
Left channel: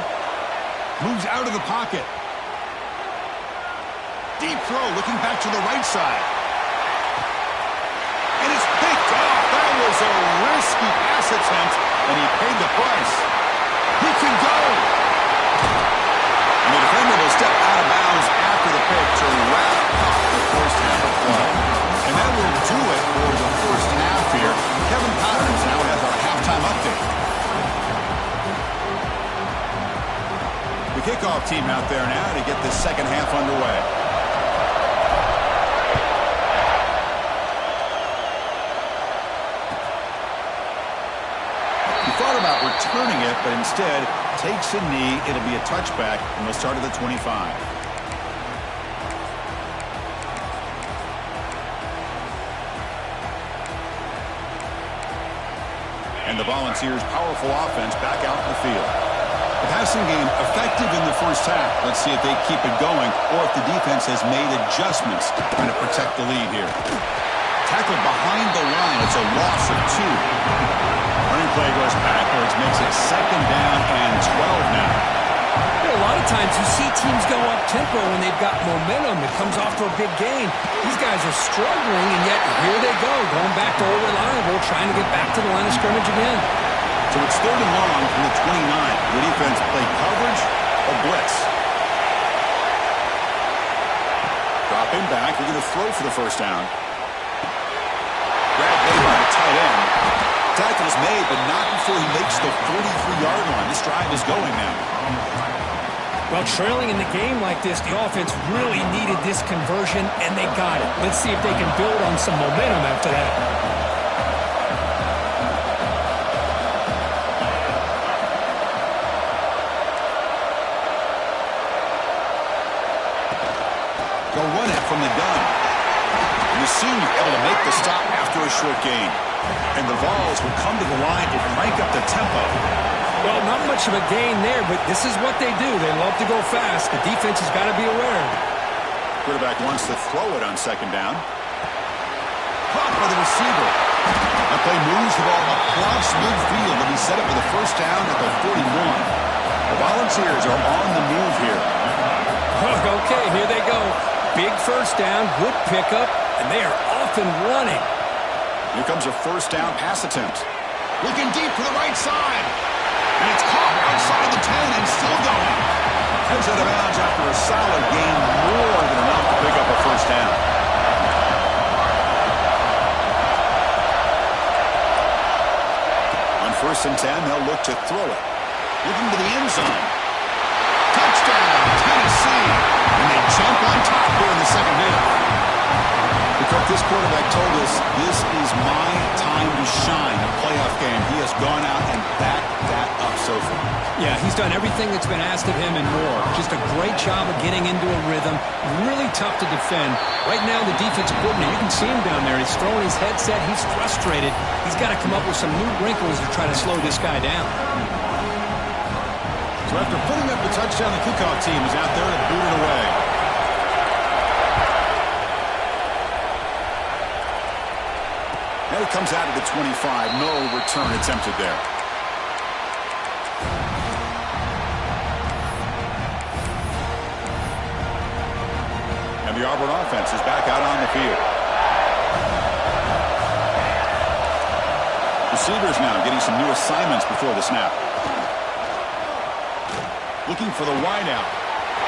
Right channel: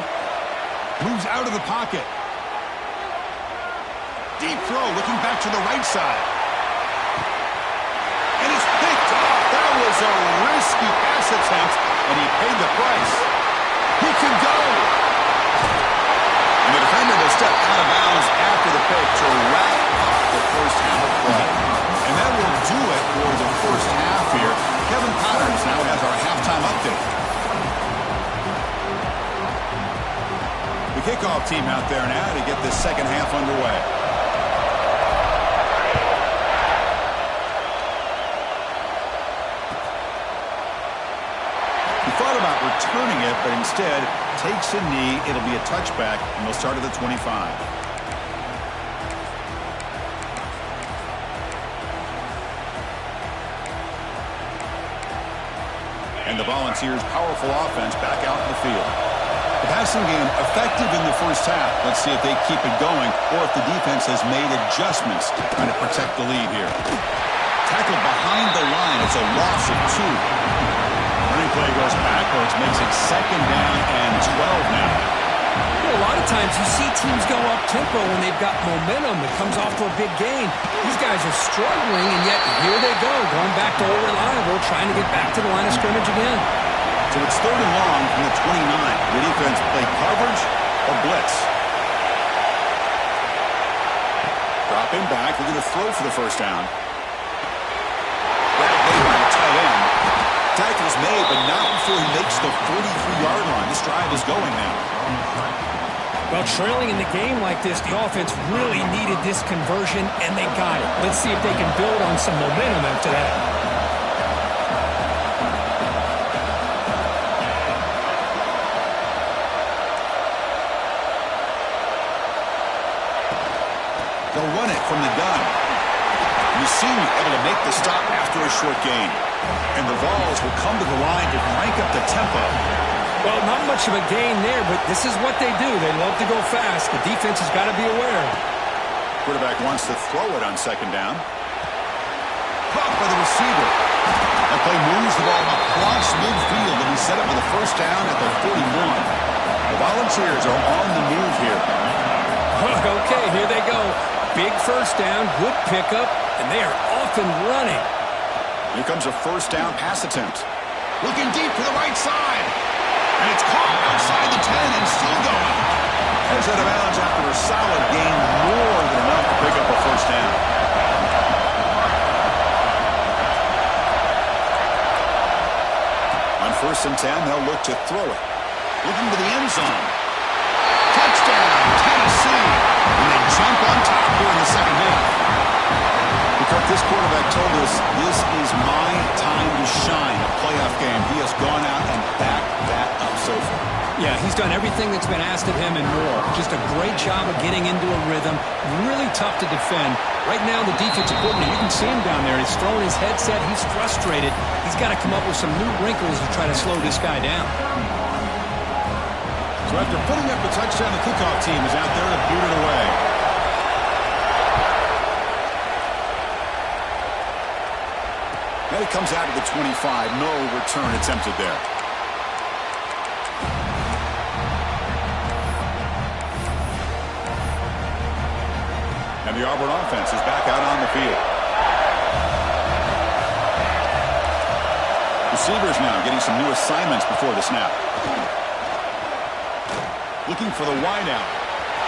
Moves out of the pocket. Deep throw, looking back to the right side. And it's picked off. That was a risky pass attempt, and he paid the price. He can go. And the defender will step out of bounds after the pick to wrap up the first half of play. And that will do it for the first half here. Kevin Powers now has our halftime update. The kickoff team out there now to get this second half underway. He thought about returning it, but instead takes a knee. It'll be a touchback, and they'll start at the 25. And the Volunteers' powerful offense back out in the field. The passing game effective in the first half. Let's see if they keep it going or if the defense has made adjustments trying to protect the lead here. Tackled behind the line. It's a loss of 2. Running play goes backwards, makes it second down and 12 now. You know, a lot of times you see teams go up-tempo when they've got momentum. It comes off for a big gain. These guys are struggling, and yet here they go, going back to old reliable, trying to get back to the line of scrimmage again. So it's third and long from the 29. The defense play coverage or blitz. Dropping back, they're going to throw for the first down. Grab made by the tight end. Tackle is made, but not before he makes the 43-yard line. This drive is going now. Well, trailing in the game like this, the offense really needed this conversion, and they got it. Let's see if they can build on some momentum after that. They'll run it from the gun. And the senior able to make the stop after a short gain. And the Vols will come to the line to crank up the tempo. Well, not much of a gain there, but this is what they do. They love to go fast. The defense has got to be aware. Quarterback wants to throw it on second down. Caught by the receiver. That play moves the ball across midfield. They'll be set up for the first down at the 41. The Volunteers are on the move here. Okay, here they go. Big first down, good pickup, and they are off and running. Here comes a first down pass attempt. Looking deep to the right side. And it's caught outside the 10 and still going. Heads out of bounds after a solid gain, more than enough to pick up a first down. On 1st and 10, they'll look to throw it. Looking to the end zone. Touchdown, Tennessee. And they jump on top here in the second half. Kirk, this quarterback told us this is my time to shine, a playoff game. He has gone out and backed that up so far. Yeah, he's done everything that's been asked of him and more. Just a great job of getting into a rhythm. Really tough to defend. Right now, the defensive coordinator, you can see him down there. He's throwing his headset. He's frustrated. He's got to come up with some new wrinkles to try to slow this guy down. So after putting up a touchdown, the kickoff team is out there to boot it away. And it comes out of the 25. No return attempted there. And the Auburn offense is back out on the field. Receivers now getting some new assignments before the snap. Looking for the wide out.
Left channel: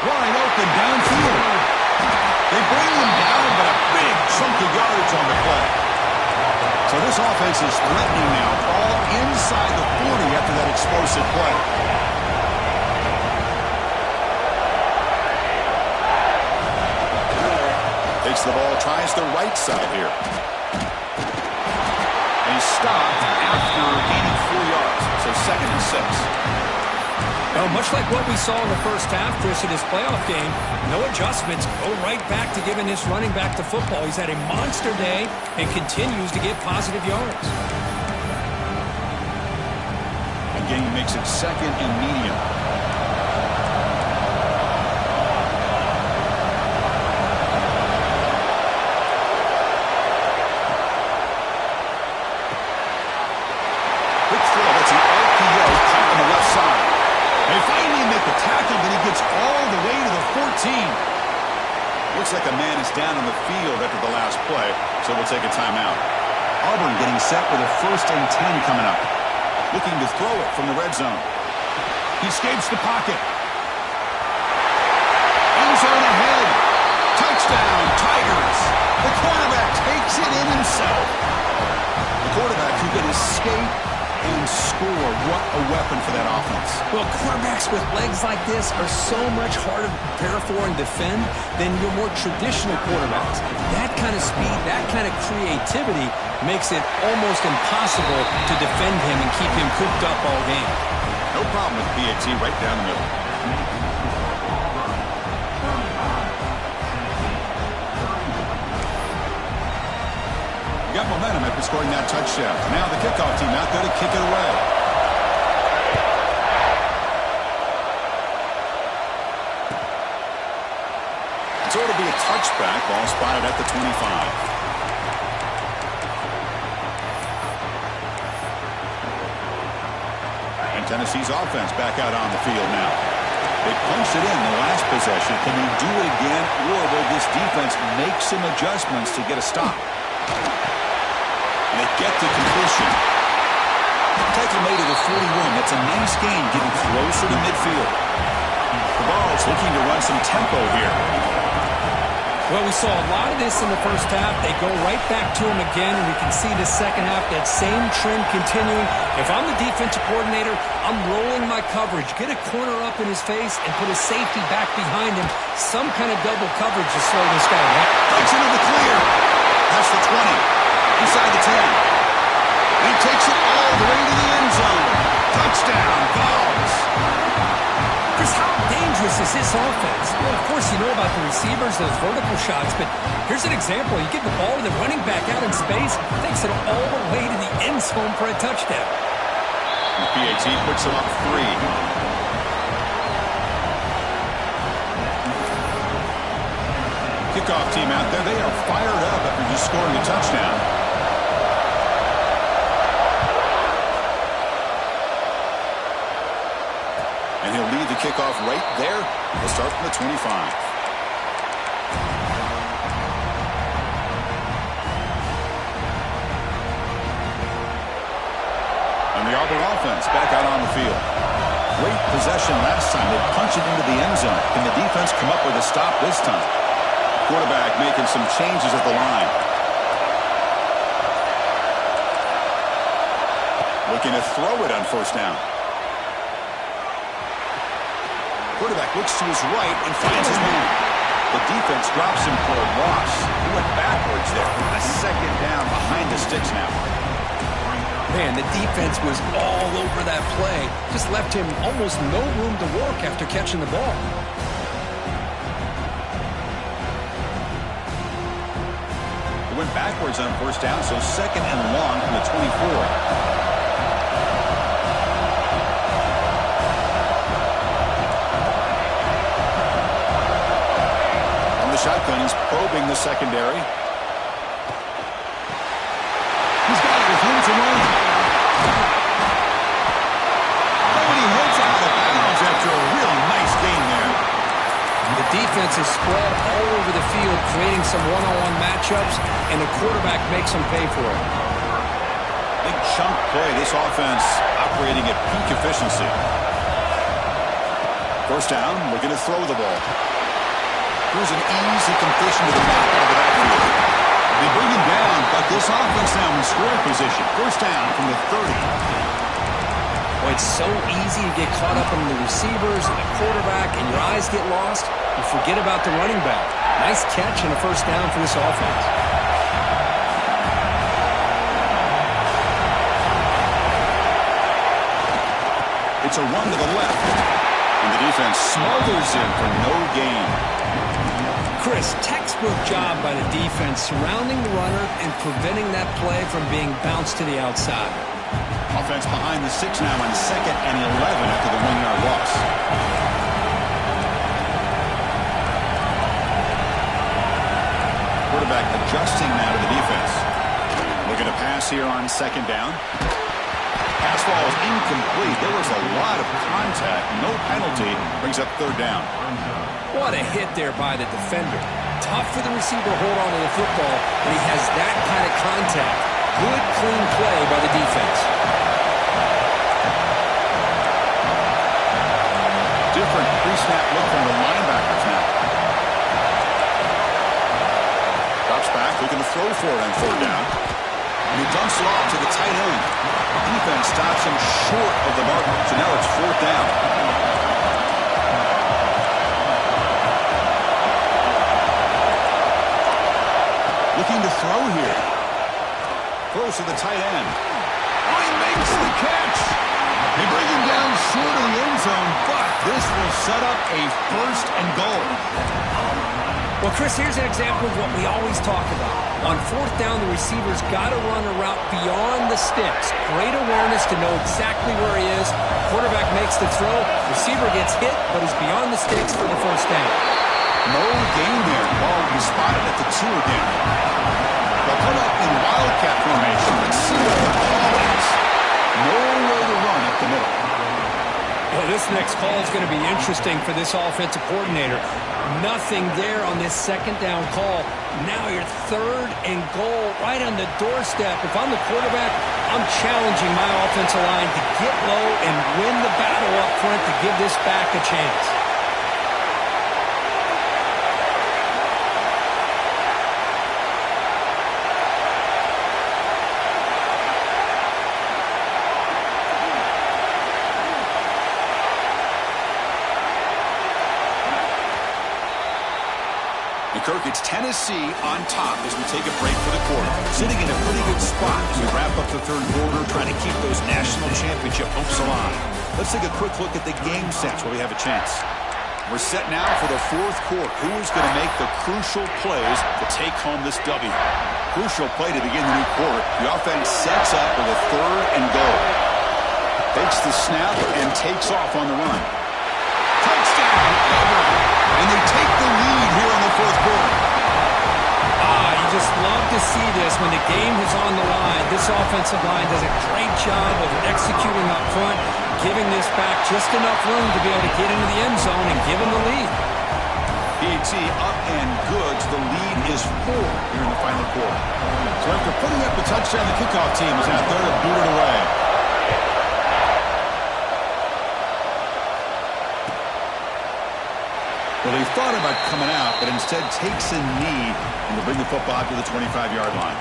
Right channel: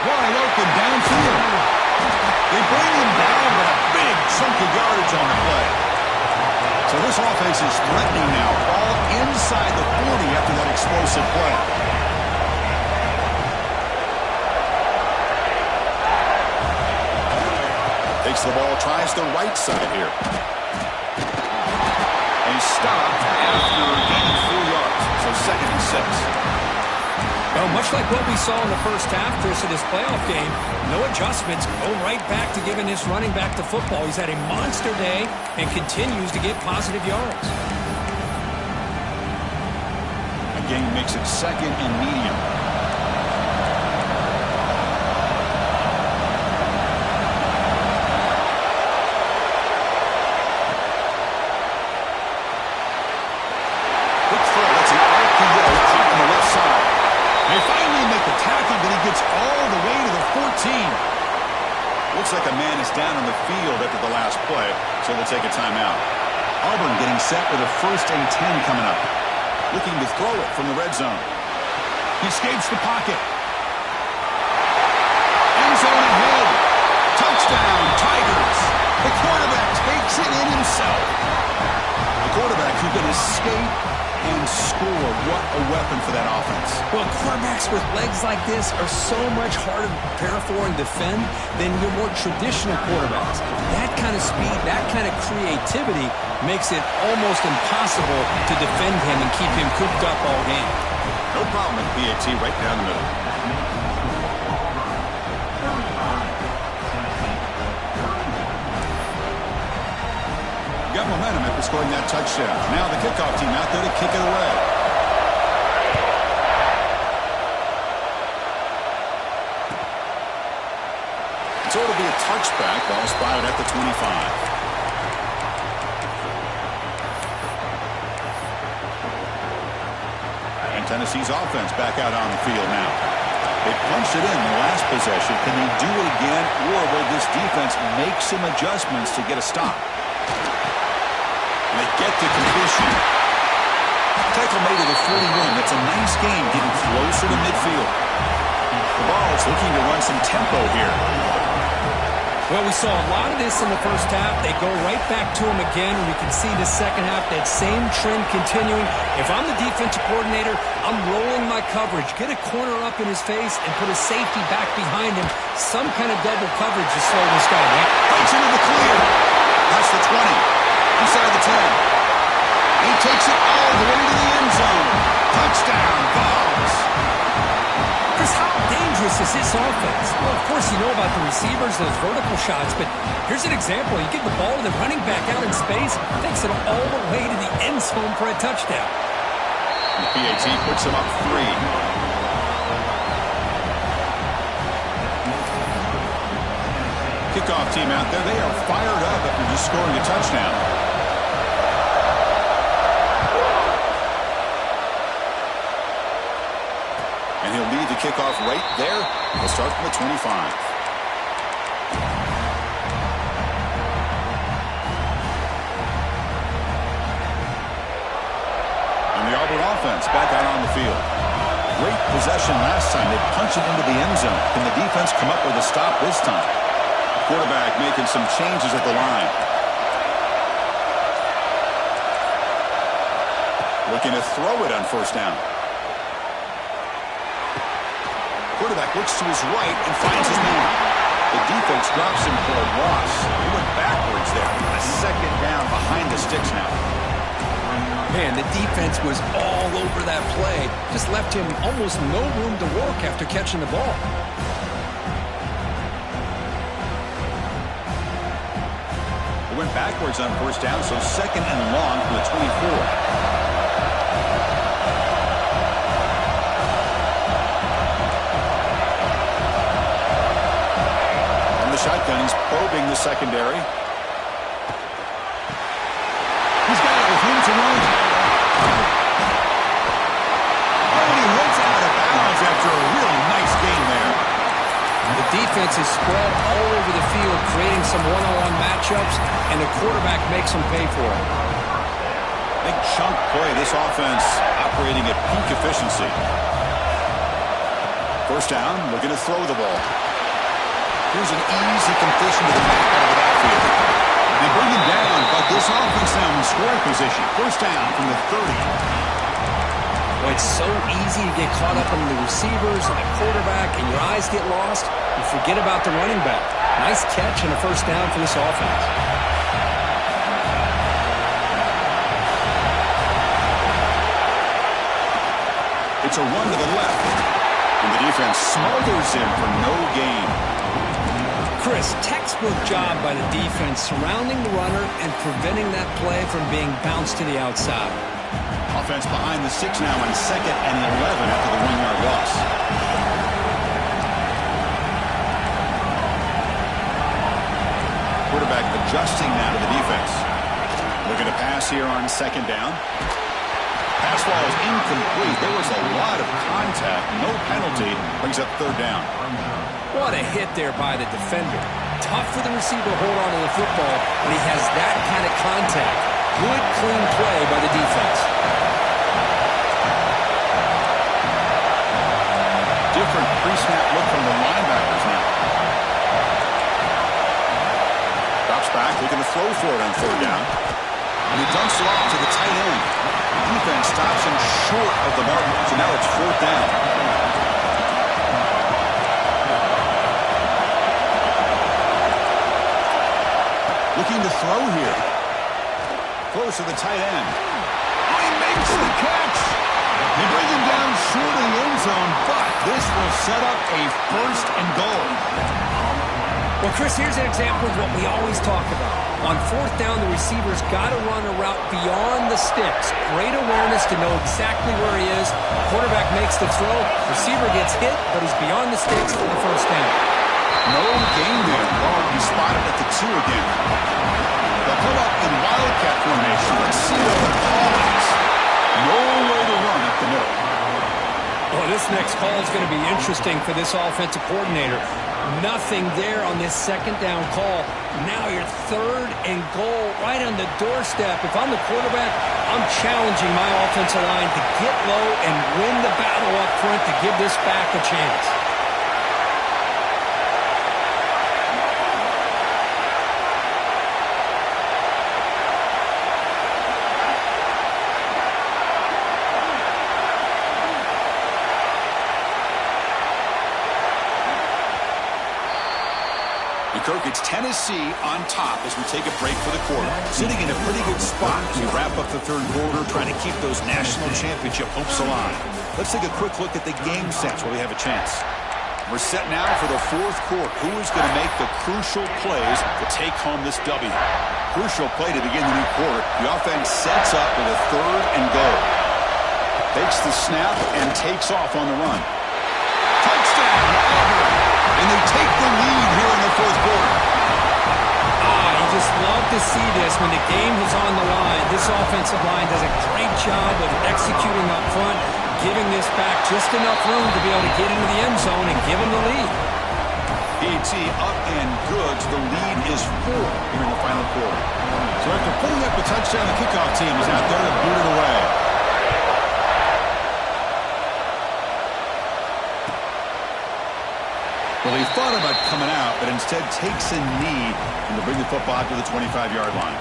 Wide open downfield. They bring him down, but a big chunk of yardage on the play. So this offense is threatening now, all inside the 40 after that explosive play. Takes the ball, tries the right side here. And he's stopped after gaining 4 yards, so 2nd and 6. Well, much like what we saw in the first half, Chris, of this playoff game, no adjustments, go right back to giving this running back the football. He's had a monster day and continues to get positive yards. Again, makes it 2nd and medium. Quick throw, that's an RPO caught on the left side. They finally make the tackle, but he gets all the way to the 14. Looks like a man is down on the field after the last play, so we'll take a timeout. Auburn getting set with a 1st and 10 coming up. Looking to throw it from the red zone. He escapes the pocket. End zone ahead. Touchdown, Tigers. The quarterback takes it in himself. The quarterback who can escape and score. What a weapon for that offense. Well, quarterbacks with legs like this are so much harder to prepare for and defend than your more traditional quarterbacks. That kind of speed, that kind of creativity makes it almost impossible to defend him and keep him cooped up all game. No problem with PAT right down the middle. Got momentum after scoring that touchdown. Now the kickoff team out there to kick it away. So it'll be a touchback. Ball spotted at the 25. And Tennessee's offense back out on the field now. They punched it in the last possession. Can they do it again, or will this defense make some adjustments to get a stop? And they get to completion. Tackle made at the 41. That's a nice gain, getting closer to midfield. The ball's looking to run some tempo here. Well, we saw a lot of this in the first half. They go right back to him again, and we can see the second half, that same trend continuing. If I'm the defensive coordinator, I'm rolling my coverage. Get a corner up in his face and put a safety back behind him. Some kind of double coverage to slow this guy down. Breaks into the clear. That's the 20. Inside the 10. He takes it all the way to the end zone. Touchdown, Vols. Chris, how dangerous is this offense? Well, of course, you know about the receivers, those vertical shots, but here's an example. You give the ball to the running back out in space, takes it all the way to the end zone for a touchdown. The PAT puts him up 3. Kickoff team out there. They are fired up after just scoring a touchdown. And he'll lead the kickoff right there. We'll start from the 25. And the Auburn offense back out on the field. Great possession last time. They punch it into the end zone. Can the defense come up with a stop this time? Quarterback making some changes at the line. Looking to throw it on 1st down. Quarterback looks to his right and finds his man. The defense drops him for a loss. He went backwards there. A 2nd down behind the sticks now. Man, the defense was all over that play. Just left him almost no room to work after catching the ball. He went backwards on 1st down, so 2nd and long from the 24. Shotgun, he's probing the secondary. He's got it with room to run. Oh, and he heads out of bounds after a really nice game there. The defense is spread all over the field, creating some one-on-one matchups, and the quarterback makes them pay for it. Big chunk play. This offense operating at peak efficiency. First down, looking to throw the ball. Here's an easy completion to the back out of the backfield. They bring him down, but this offense now in scoring position. First down from the 30. Well, it's so easy to get caught up in the receivers and the quarterback, and your eyes get lost. You forget about the running back. Nice catch and a first down for this offense. It's a run to the left, and the defense smothers him for no gain. Chris, textbook job by the defense surrounding the runner and preventing that play from being bounced to the outside. Offense behind the 6 now on 2nd and 11 after the 1-yard loss. Quarterback adjusting now to the defense. Looking to pass here on 2nd down. Pass ball is incomplete. There was a lot of contact. No penalty. Brings up 3rd down. What a hit there by the defender. Tough for the receiver to hold on to the football when he has that kind of contact. Good, clean play by the defense. Different pre-snap look from the linebackers now. Drops back, looking to throw for it on 3rd down. And he dumps it off to the tight end. Defense stops him short of the mark, so now it's 4th down. Looking to throw here. Close to the tight end. Oh, he makes the catch. They bring him down short of the end zone, but this will set up a 1st and goal. Well, Chris, here's an example of what we always talk about. On 4th down, the receiver's got to run a route beyond the sticks. Great awareness to know exactly where he is. Quarterback makes the throw. Receiver gets hit, but he's beyond the sticks for the 1st down. No gain there. Ball will be spotted at the 2 again. They'll come up in wildcat formation. Let's see what the call is. Nowhere to run up the middle. Well, this next call is going to be interesting for this offensive coordinator. Nothing there on this 2nd down call. Now you're 3rd and goal right on the doorstep. If I'm the quarterback, I'm challenging my offensive line to get low and win the battle up front to give this back a chance. Kirk, it's Tennessee on top as we take a break for the quarter. Sitting in a pretty good spot as we wrap up the 3rd quarter, trying to keep those national championship hopes alive. Let's take a quick look at the game sets while we have a chance. We're set now for the 4th quarter. Who is going to make the crucial plays to take home this W? Crucial play to begin the new quarter. The offense sets up with a 3rd and goal. Takes the snap and takes off on the run. Touchdown, Auburn! And they take the lead here in the 4th quarter. You just love to see this when the game is on the line. This offensive line does a great job of executing up front, giving this back just enough room to be able to get into the end zone and give them the lead. PAT up and good. The lead is 4 here in the final quarter. So after putting up the touchdown, the kickoff team is out there to boot it away. Well, he thought about coming out, but instead takes a knee and to bring the football out to the 25-yard line.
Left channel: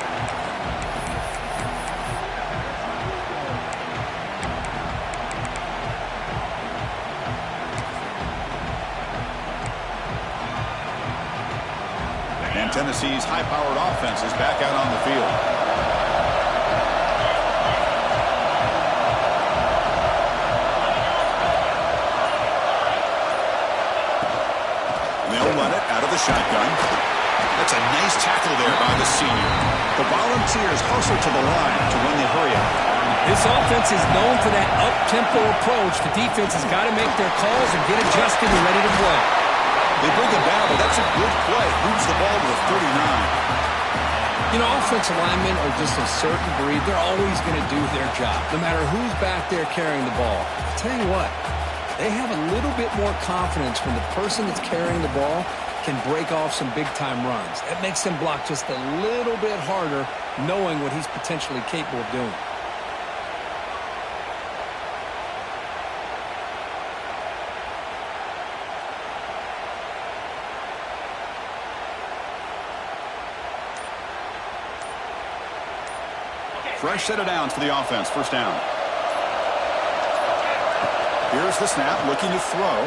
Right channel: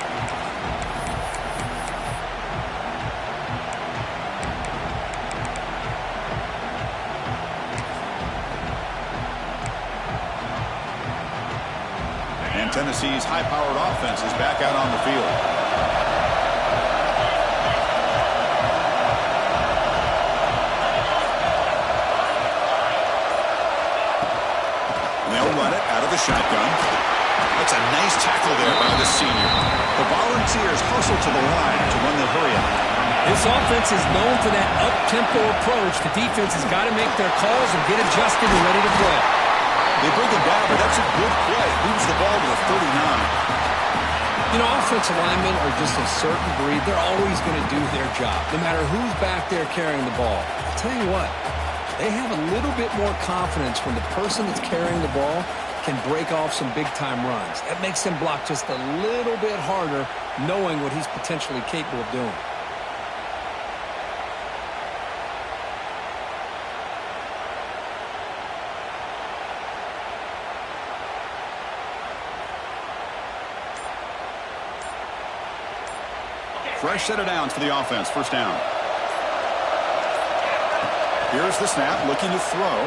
And Tennessee's high-powered offense is back out on the field. They'll run it out of the shotgun. That's a nice tackle there by the senior. The Volunteers hustle to the line to run the hurry-up. This offense is known for that up-tempo approach. The defense has got to make their calls and get adjusted and ready to play. They bring him down, but that's a good play. Moves the ball to the 39. You know, offensive linemen are just a certain breed. They're always going to do their job, no matter who's back there carrying the ball. I'll tell you what, They have a little bit more confidence when the person that's carrying the ball can break off some big-time runs. That makes them block just a little bit harder, knowing what he's potentially capable of doing. Fresh set of downs for the offense. First down. Here's the snap, looking to throw.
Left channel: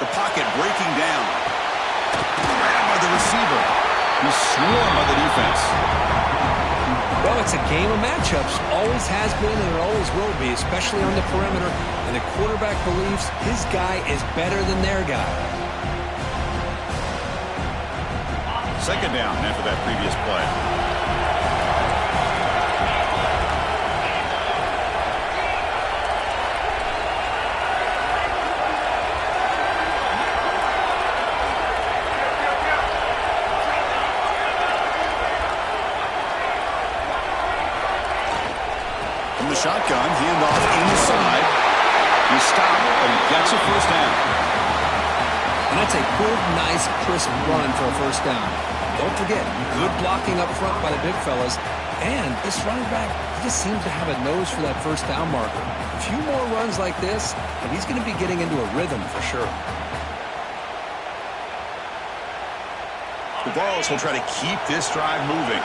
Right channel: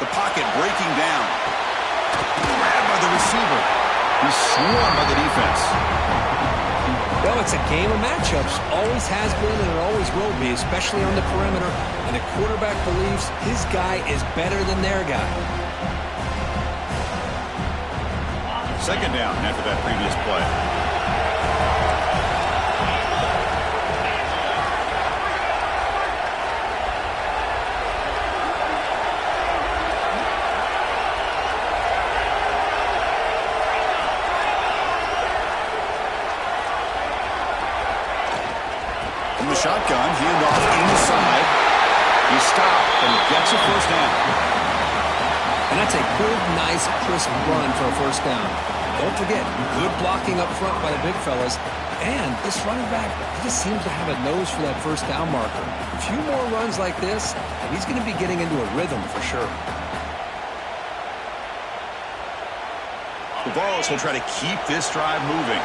The pocket breaking down. Grabbed by the receiver. He's swarmed by the defense. Well, it's a game of matchups. Always has been and it always will be, especially on the perimeter. And the quarterback believes his guy is better than their guy. Second down after that previous play. From the shotgun, handoff inside. He stopped, but he gets a first down. And that's a good, nice, crisp run for a first down. Don't forget, good blocking up front by the big fellas. And this running back just seems to have a nose for that first down marker. A few more runs like this, and he's going to be getting into a rhythm for sure. The Vols will try to keep this drive moving.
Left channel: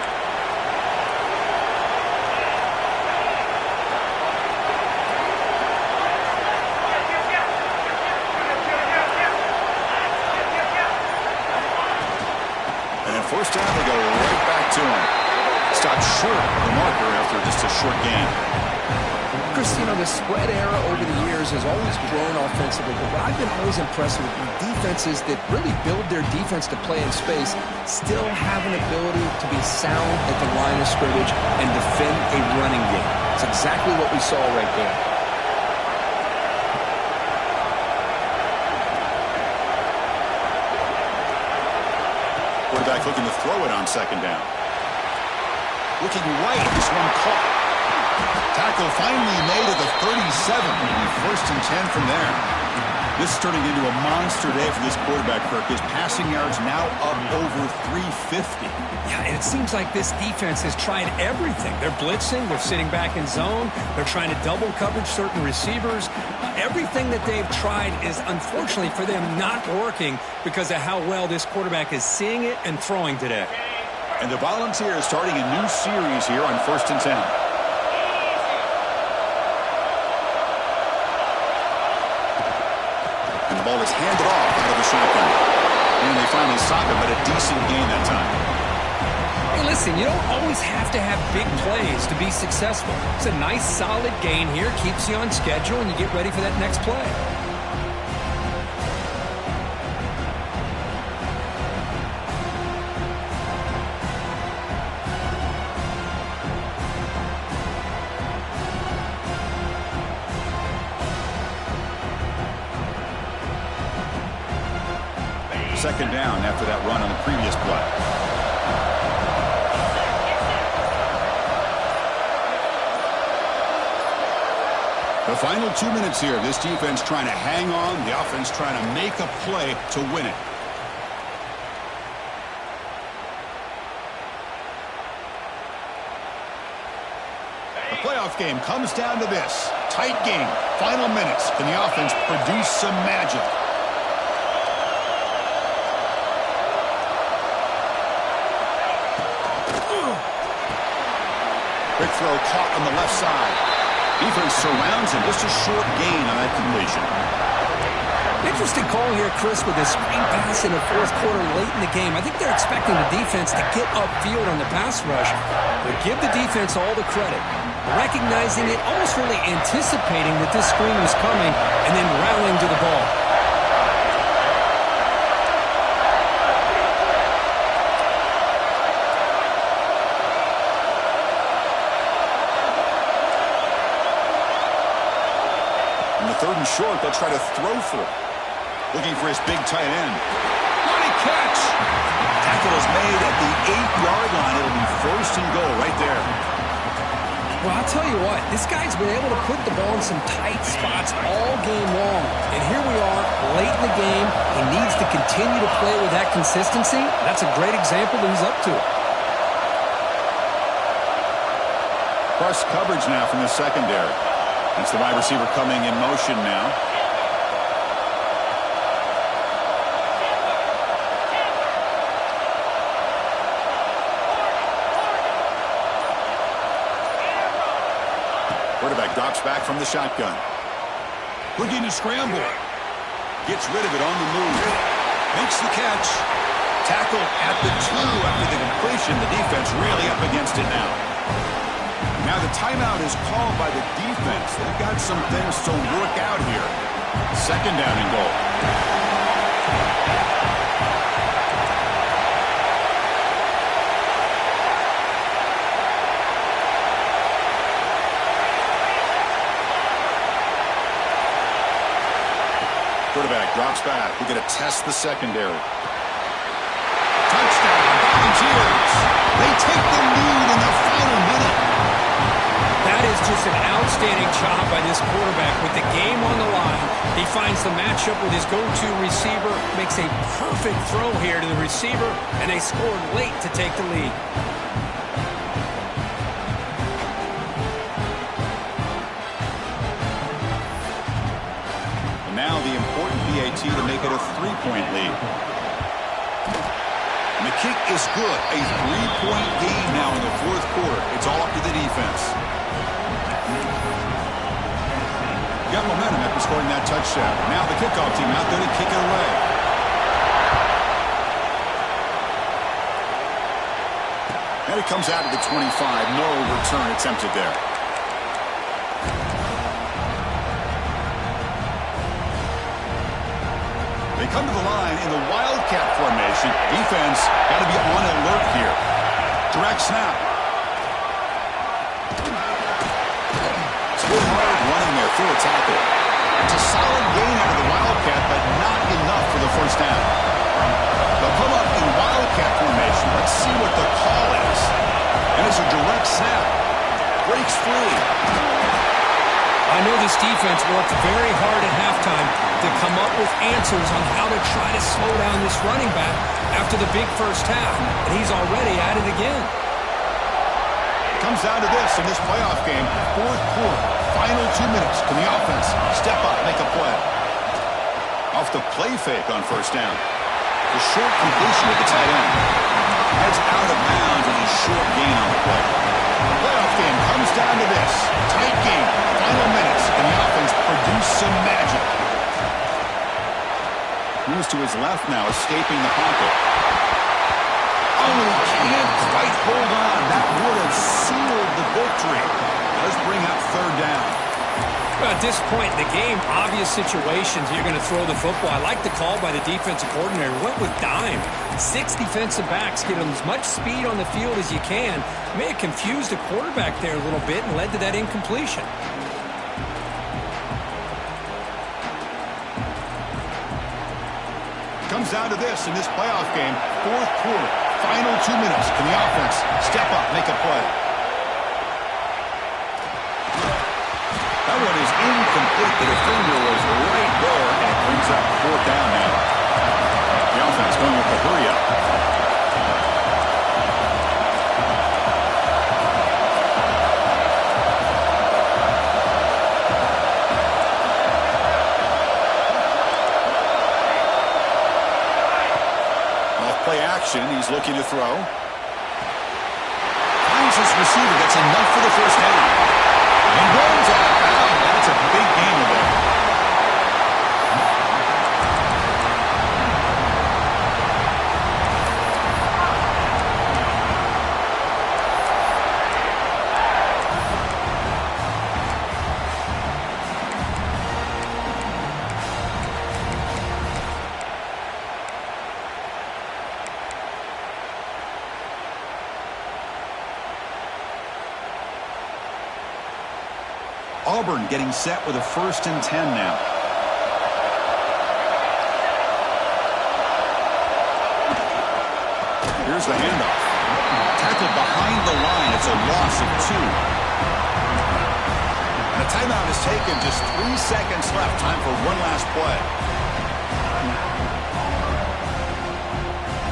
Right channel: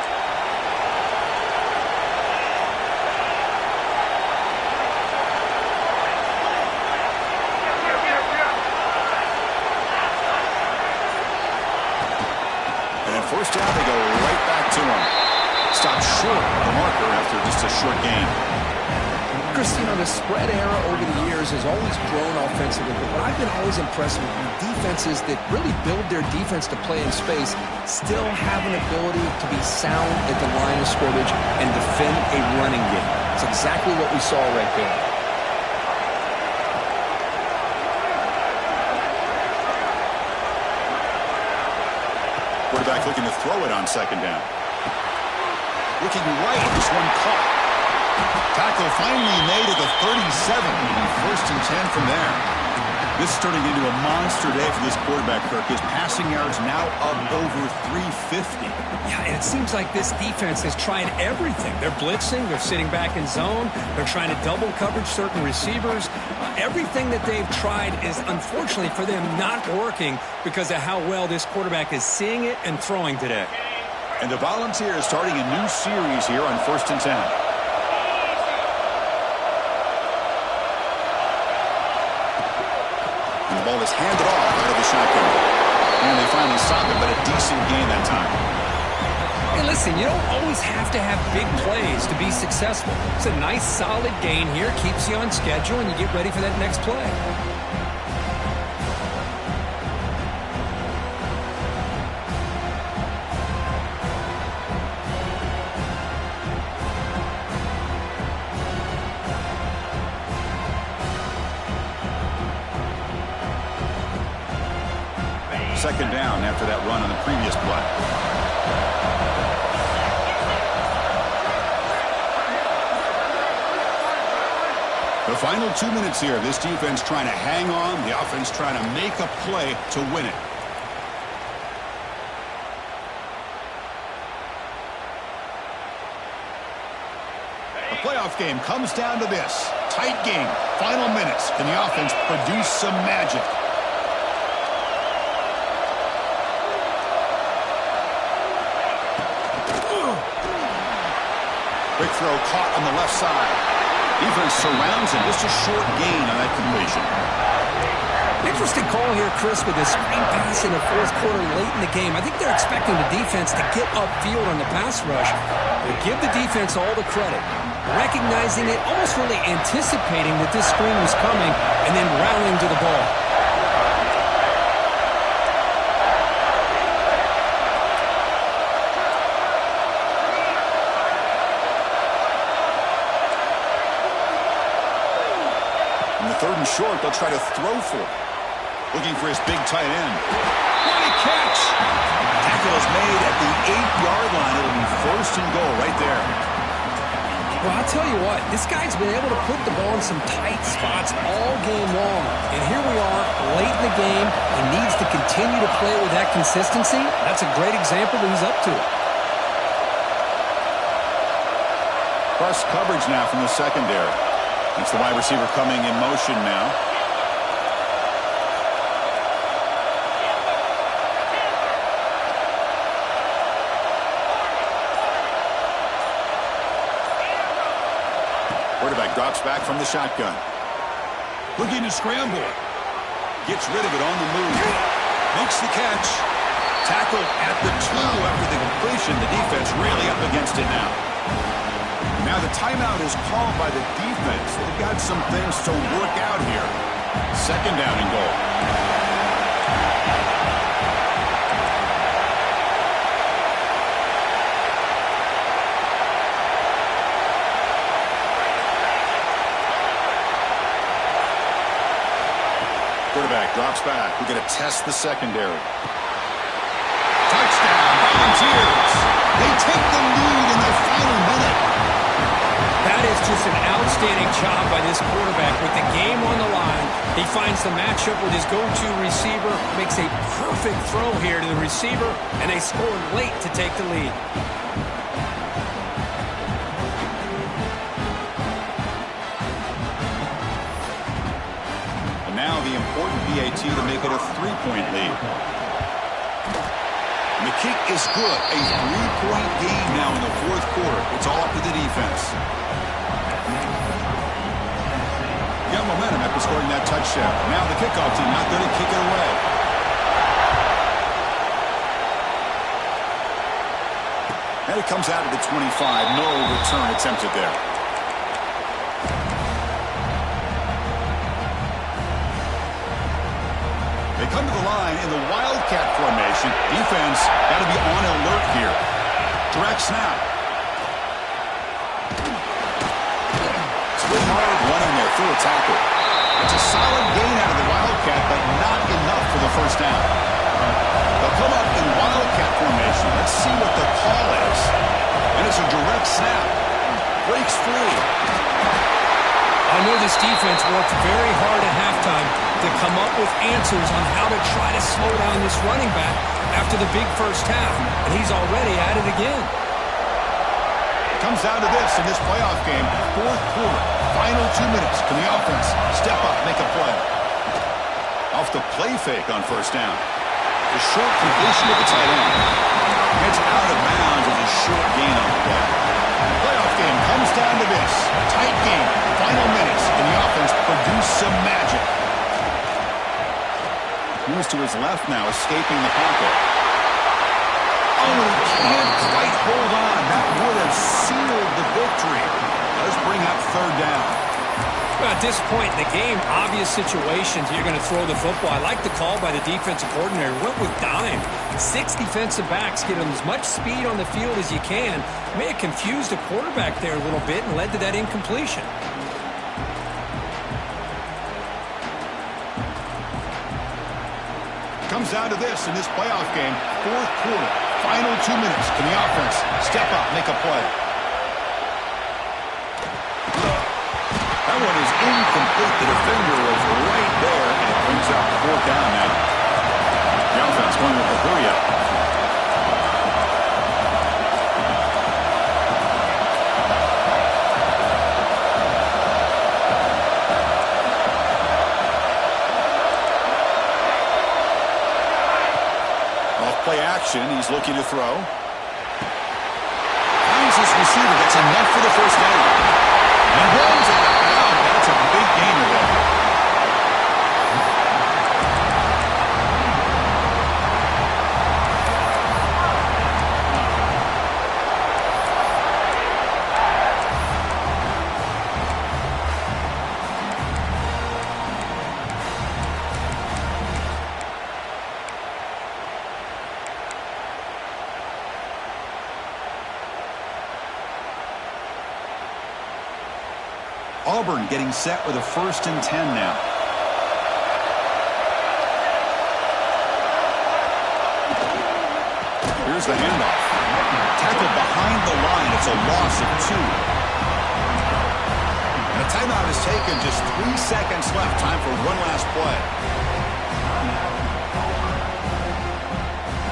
First down, they go right back to him. Stopped short of the marker after just a short gain. Chris, you know, the spread era over the years has always grown offensively, but what I've been always impressed with defenses that really build their defense to play in space still have an ability to be sound at the line of scrimmage and defend a running game. It's exactly what we saw right there. Quarterback looking to throw it on second down. Looking right, this one caught. Tackle finally made at the 37. First and 10 from there. This is turning into a monster day for this quarterback, Kirk. His passing yards now up over 350. Yeah, and it seems like this defense has tried everything. They're blitzing, they're sitting back in zone, they're trying to double coverage certain receivers. Everything that they've tried is, unfortunately for them, not working because of how well this quarterback is seeing it and throwing today. And the Volunteers starting a new series here on first and 10. And the ball is handed off out of the shotgun. And they finally stop it, but a decent gain that time. Hey, listen, you don't always have to have big plays to be successful. It's a nice, solid gain here, keeps you on schedule, and you get ready for that next play. Second down after that run on the previous play. The final 2 minutes here. This defense trying to hang on. The offense trying to make a play to win it. The playoff game comes down to this. Tight game. Final minutes. Can the offense produce some magic? Quick throw caught on the left side. Defense surrounds him. Just a short gain on that completion. Interesting call here, Chris, with this screen pass in the fourth quarter late in the game. I think they're expecting the defense to get upfield on the pass rush. But give the defense all the credit. Recognizing it, almost really anticipating that this screen was coming, and then rallying to the ball. Third and short, they'll try to throw for it. Looking for his big tight end. What a catch! Tackle is made at the 8-yard line. It'll be first and goal right there. Well, I'll tell you what, this guy's been able to put the ball in some tight spots all game long. And here we are, late in the game. He needs to continue to play with that consistency. That's a great example that he's up to it. Press coverage now from the secondary. That's the wide receiver coming in motion now. Quarterback drops back from the shotgun. Looking to scramble. Gets rid of it on the move. Makes the catch. Tackled at the 2 after the completion. The defense really up against it now. Now the timeout is called by the defense. They've got some things to work out here. 2nd down and goal. Quarterback drops back. We're going to test the secondary. Touchdown, Volunteers. They take the lead in the final minute. That is just an outstanding job by this quarterback. With the game on the line, he finds the matchup with his go-to receiver, makes a perfect throw here to the receiver, and they scored late to take the lead. Now the important PAT to make it a 3-point lead. And the kick is good. A 3-point game now in the 4th quarter. It's all up to the defense. Got momentum after scoring that touchdown. Now the kickoff team out there to kick it away. And it comes out of the 25. No return attempted there. They come to the line in the Wildcat formation. Defense got to be on alert here. Direct snap. Still hard running there through a tackle. It's a solid gain out of the Wildcat, but not enough for the 1st down. They'll come up in Wildcat formation. Let's see what the call is. And it's a direct snap. Breaks free. I know this defense worked very hard at halftime to come up with answers on how to try to slow down this running back after the big 1st half, and he's already at it again. It comes down to this in this playoff game, 4th quarter, final 2 minutes. Can the offense step up, make a play? Off the play fake on 1st down. The short completion with the tight end. Heads out of bounds as a short gain on the play. The playoff game comes down to this. Tight game, final minutes. Can the offense produce some magic? Moves to his left now, escaping the pocket. Oh, he can't quite hold on. That would have sealed the victory. Does bring up 3rd down. Well, at this point in the game, obvious situations, you're going to throw the football. I like the call by the defensive coordinator. Went with dime. 6 defensive backs get as much speed on the field as you can. May have confused the quarterback there a little bit and led to that incompletion. Comes down to this in this playoff game, 4th quarter, final 2 minutes. Can the offense step up, make a play? That one is incomplete. The defender was right there, and it brings up 4th down now. The offense going with the hurry up. Play action. He's looking to throw. Finds his receiver. Gets enough for the 1st down. And runs out of bounds. That's a big gainer there. Auburn getting set with a 1st and 10 now. Here's the handoff. Tackled behind the line. It's a loss of 2. And a timeout is taken. Just 3 seconds left. Time for one last play.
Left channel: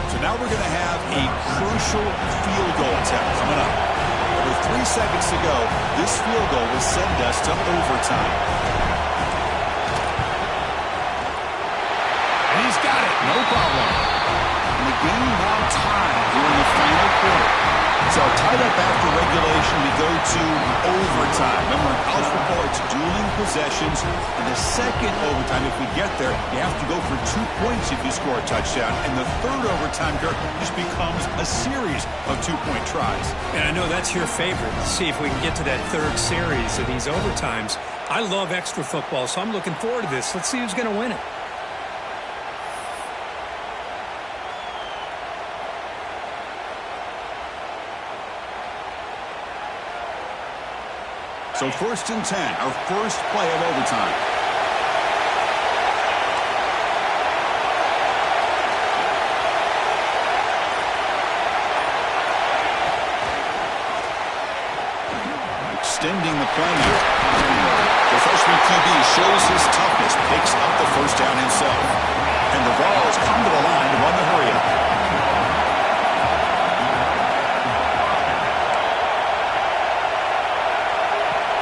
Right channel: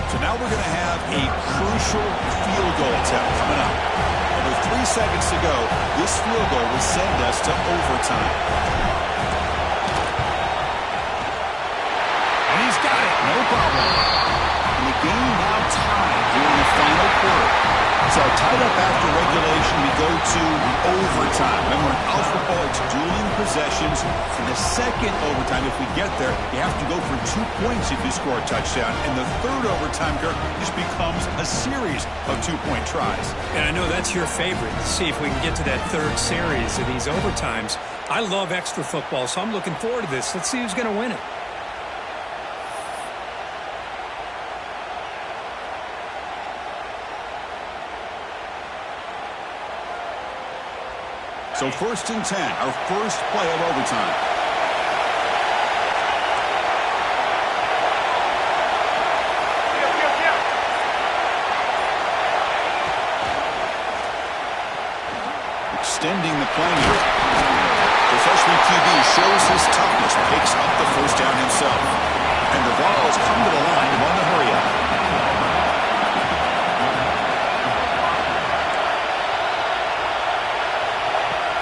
So now we're going to have a crucial field goal attempt coming up. And with 3 seconds to go, this field goal will send us to overtime. And he's got it. No problem. And the game now tied here in the final quarter. So tied up after regulation, we go to overtime. Remember, in college football, it's dueling possessions. In the second overtime, if we get there, you have to go for 2 points if you score a touchdown. And the third overtime, Kirk, just becomes a series of 2-point tries. And I know that's your favorite. See if we can get to that third series of these overtimes. I love extra football, so I'm looking forward to this. Let's see who's going to win it. So 1st and 10, our first play of overtime. Extending the play here. The freshman QB shows his toughness, picks up the first down himself. And the ball has come to the line to run the hurry-up.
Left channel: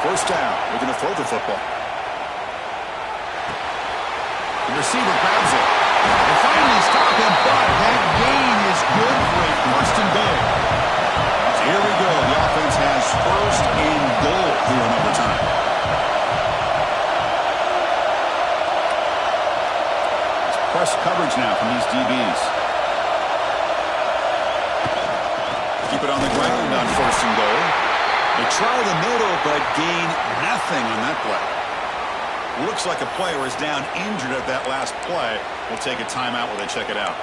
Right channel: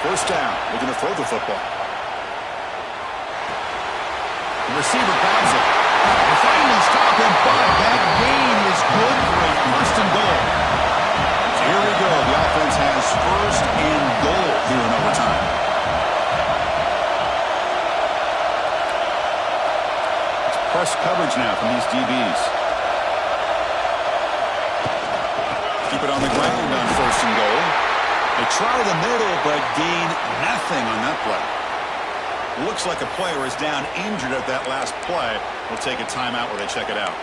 First down, we're going to throw the football. The receiver grabs it. They finally stop him, but that gain is good for a 1st and goal. So here we go. The offense has 1st and goal here in overtime. It's press coverage now from these DBs. Keep it on the ground on 1st and goal. They try the middle, but gain nothing on that play. Looks like a player is down injured at that last play. We'll take a timeout while they check it out.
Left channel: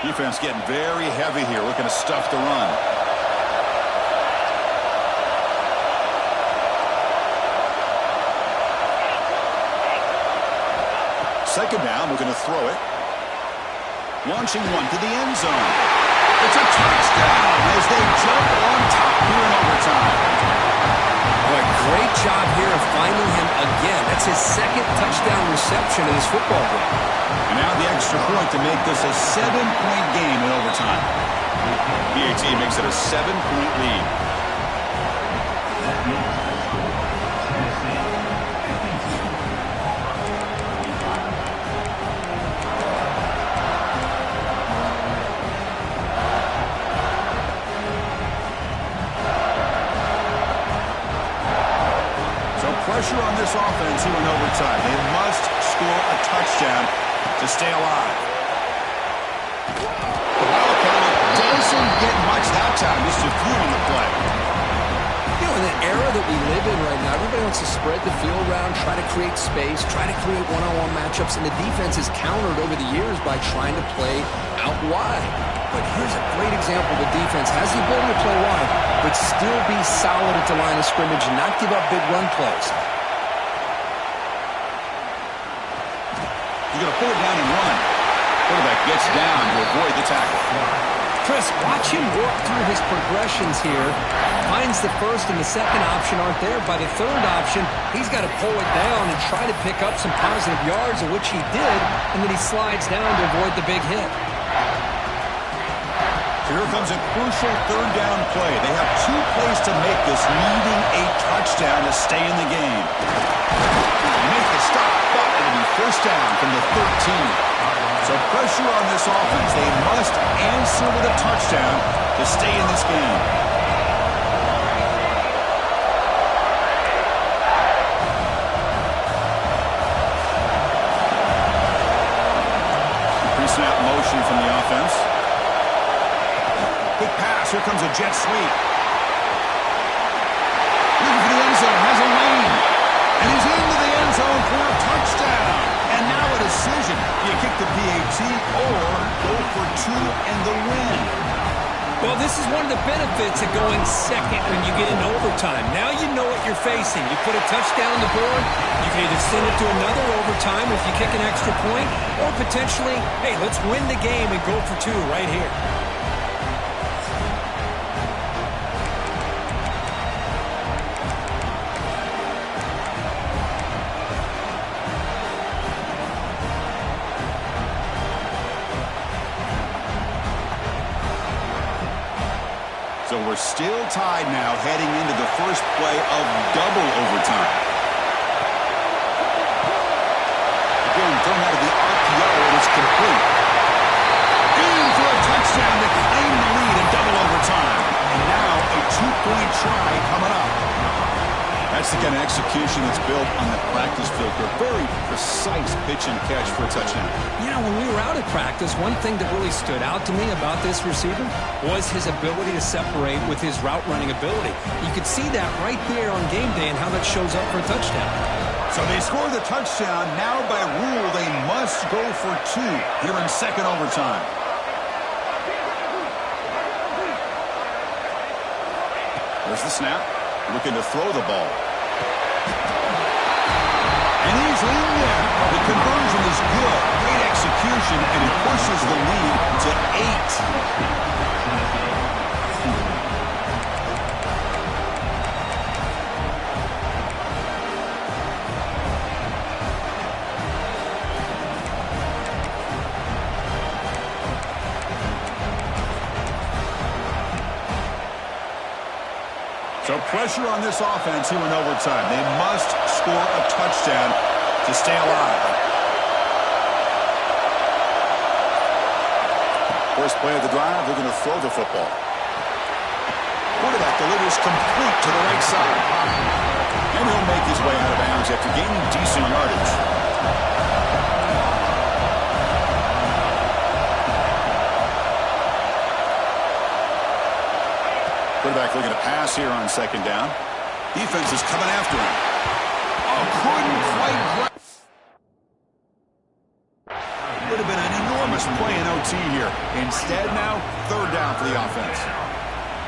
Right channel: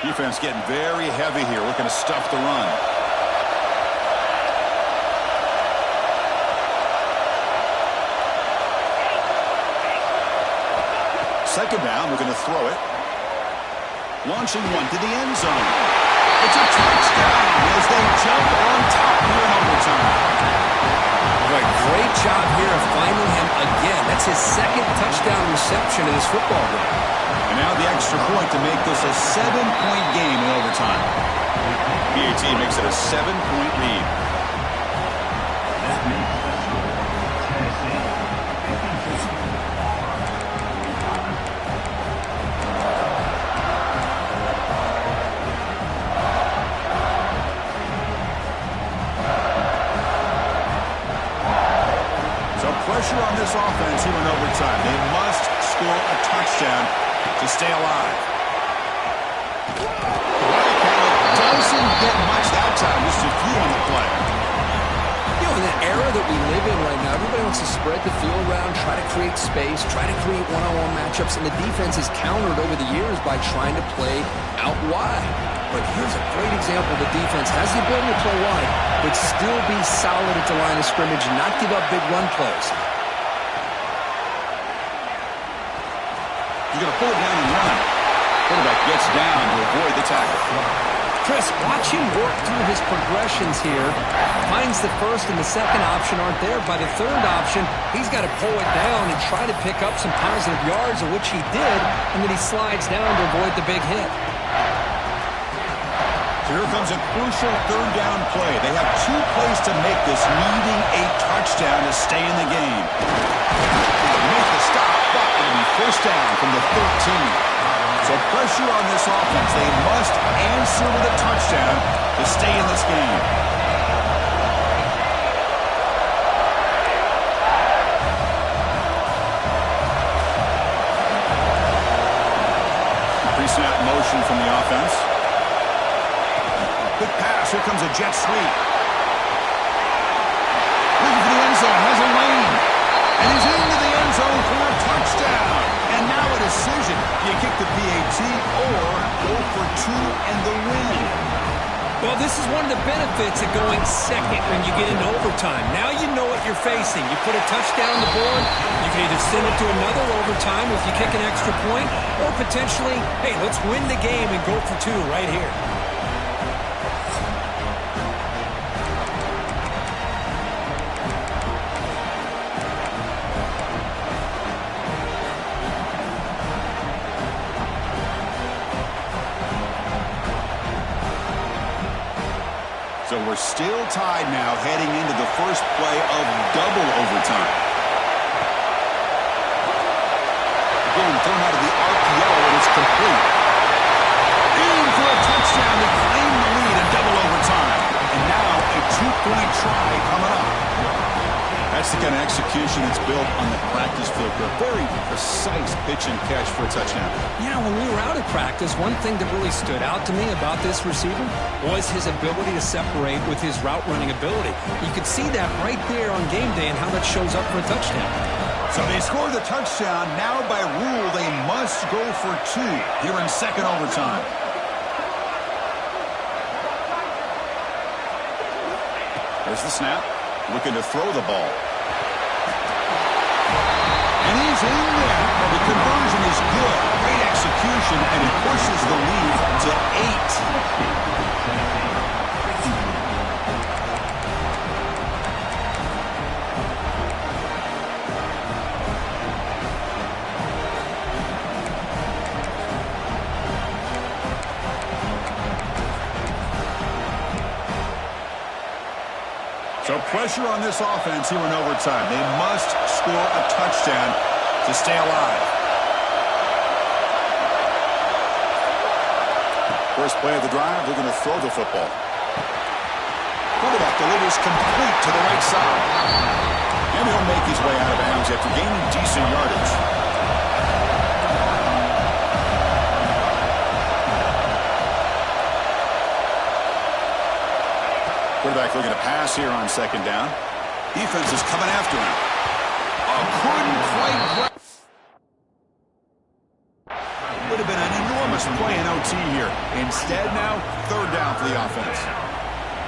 Defense getting very heavy here, looking to stuff the run. Second down, we're going to throw it. Launching one to the end zone. It's a touchdown as they jump on top here in overtime. Boy, great job here of finding him again. That's his 2nd touchdown reception in this football game. And now the extra point to make this a 7-point game in overtime. PAT makes it a 7-point lead. Pressure on this offense here in overtime. They must score a touchdown to stay alive. The Wildcat doesn't get much that time, just a few on the play. You know, in the era that we live in right now, everybody wants to spread the field around, try to create space, try to create one-on-one matchups, and the defense is countered over the years by trying to play out wide. But here's a great example. The defense has the ability to play wide, but still be solid at the line of scrimmage and not give up big run plays. He's going to pull it down and run. Quarterback gets down to avoid the tackle. Chris, watch him work through his progressions here. Finds the 1st and the 2nd option aren't there. By the 3rd option, he's got to pull it down and try to pick up some positive yards, of which he did, and then he slides down to avoid the big hit. Here comes a crucial 3rd down play. They have 2 plays to make this, needing a touchdown to stay in the game. They make the stop, but it'll be 1st down from the 13. So pressure on this offense. They must answer with a touchdown to stay in this game. Pre-snap motion from the offense. Quick pass. Here comes a jet sweep. Looking for the end zone. Has a lane. And he's into the end zone for a touchdown. And now a decision. Do you kick the PAT or go for 2 and the win? Well, this is one of the benefits of going second when you get into overtime. Now you know what you're facing. You put a touchdown on the board, you can either send it to another overtime if you kick an extra point, or potentially, hey, let's win the game and go for 2 right here. So we're still tied now heading into the first play of double overtime. Again, thrown out of the RPO, and it's complete. In for a touchdown to claim the lead in double overtime. And now a 2-point try coming up. That's the kind of execution that's built on the practice field. A very precise pitch and catch for a touchdown. You know, when we were out at practice, one thing that really stood out to me about this receiver was his ability to separate with his route running ability. You could see that right there on game day and how that shows up for a touchdown. So they score the touchdown. Now by rule, they must go for 2 here in second overtime. There's the snap. Looking to throw the ball. And he's in there. The conversion is good. Great execution, and it pushes the lead to 8. So pressure on this offense here in overtime. They must score a touchdown to stay alive. First play of the drive, they're going to throw the football. Quarterback delivers complete to the right side. And he'll make his way out of bounds after gaining decent yardage. Quarterback looking to pass here on second down. Defense is coming after him. Oh, couldn't quite grab. Would have been an enormous play in OT here. Instead now, third down for the offense.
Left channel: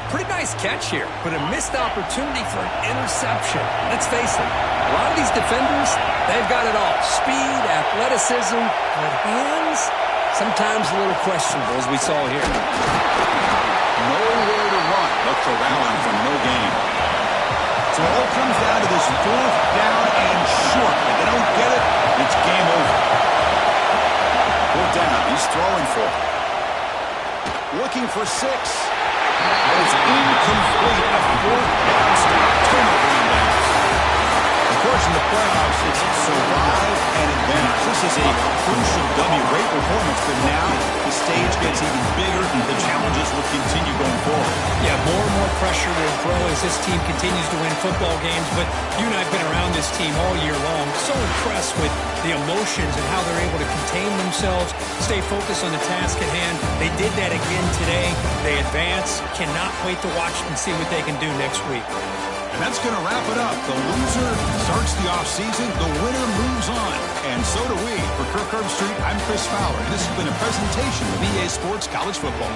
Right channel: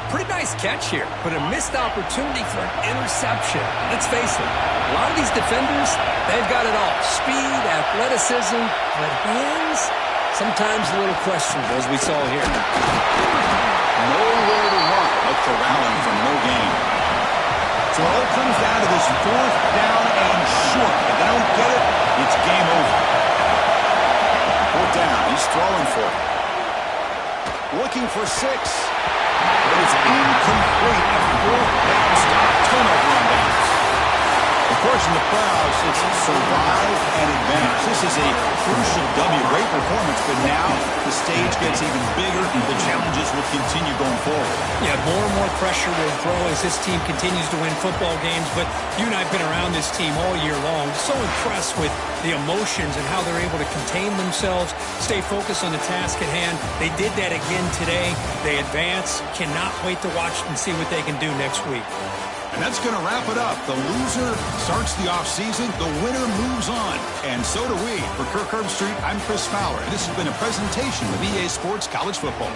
Pretty nice catch here, but a missed opportunity for an interception. Let's face it, a lot of these defenders, they've got it all. Speed, athleticism, but hands, sometimes a little questionable, as we saw here. Nowhere to run. Look for Allen from no gain. So it all comes down to this fourth down and short. If they don't get it, it's game over. Fourth down. He's throwing for it. Looking for 6. But it's incomplete. A fourth down stop. Turnover on downs. Of course, in the playoffs, it's survive and advance. This is a crucial W. Great performance, but now the stage gets even bigger. The challenges will continue going forward. Yeah, more and more pressure will grow as this team continues to win football games. But you and I have been around this team all year long. So impressed with the emotions and how they're able to contain themselves, stay focused on the task at hand. They did that again today. They advance. Cannot wait to watch and see what they can do next week. And that's going to wrap it up. The loser starts the offseason. The winner moves on. And so do we. For Kirk Herbstreit, I'm Chris Fowler. And this has been a presentation of EA Sports College Football.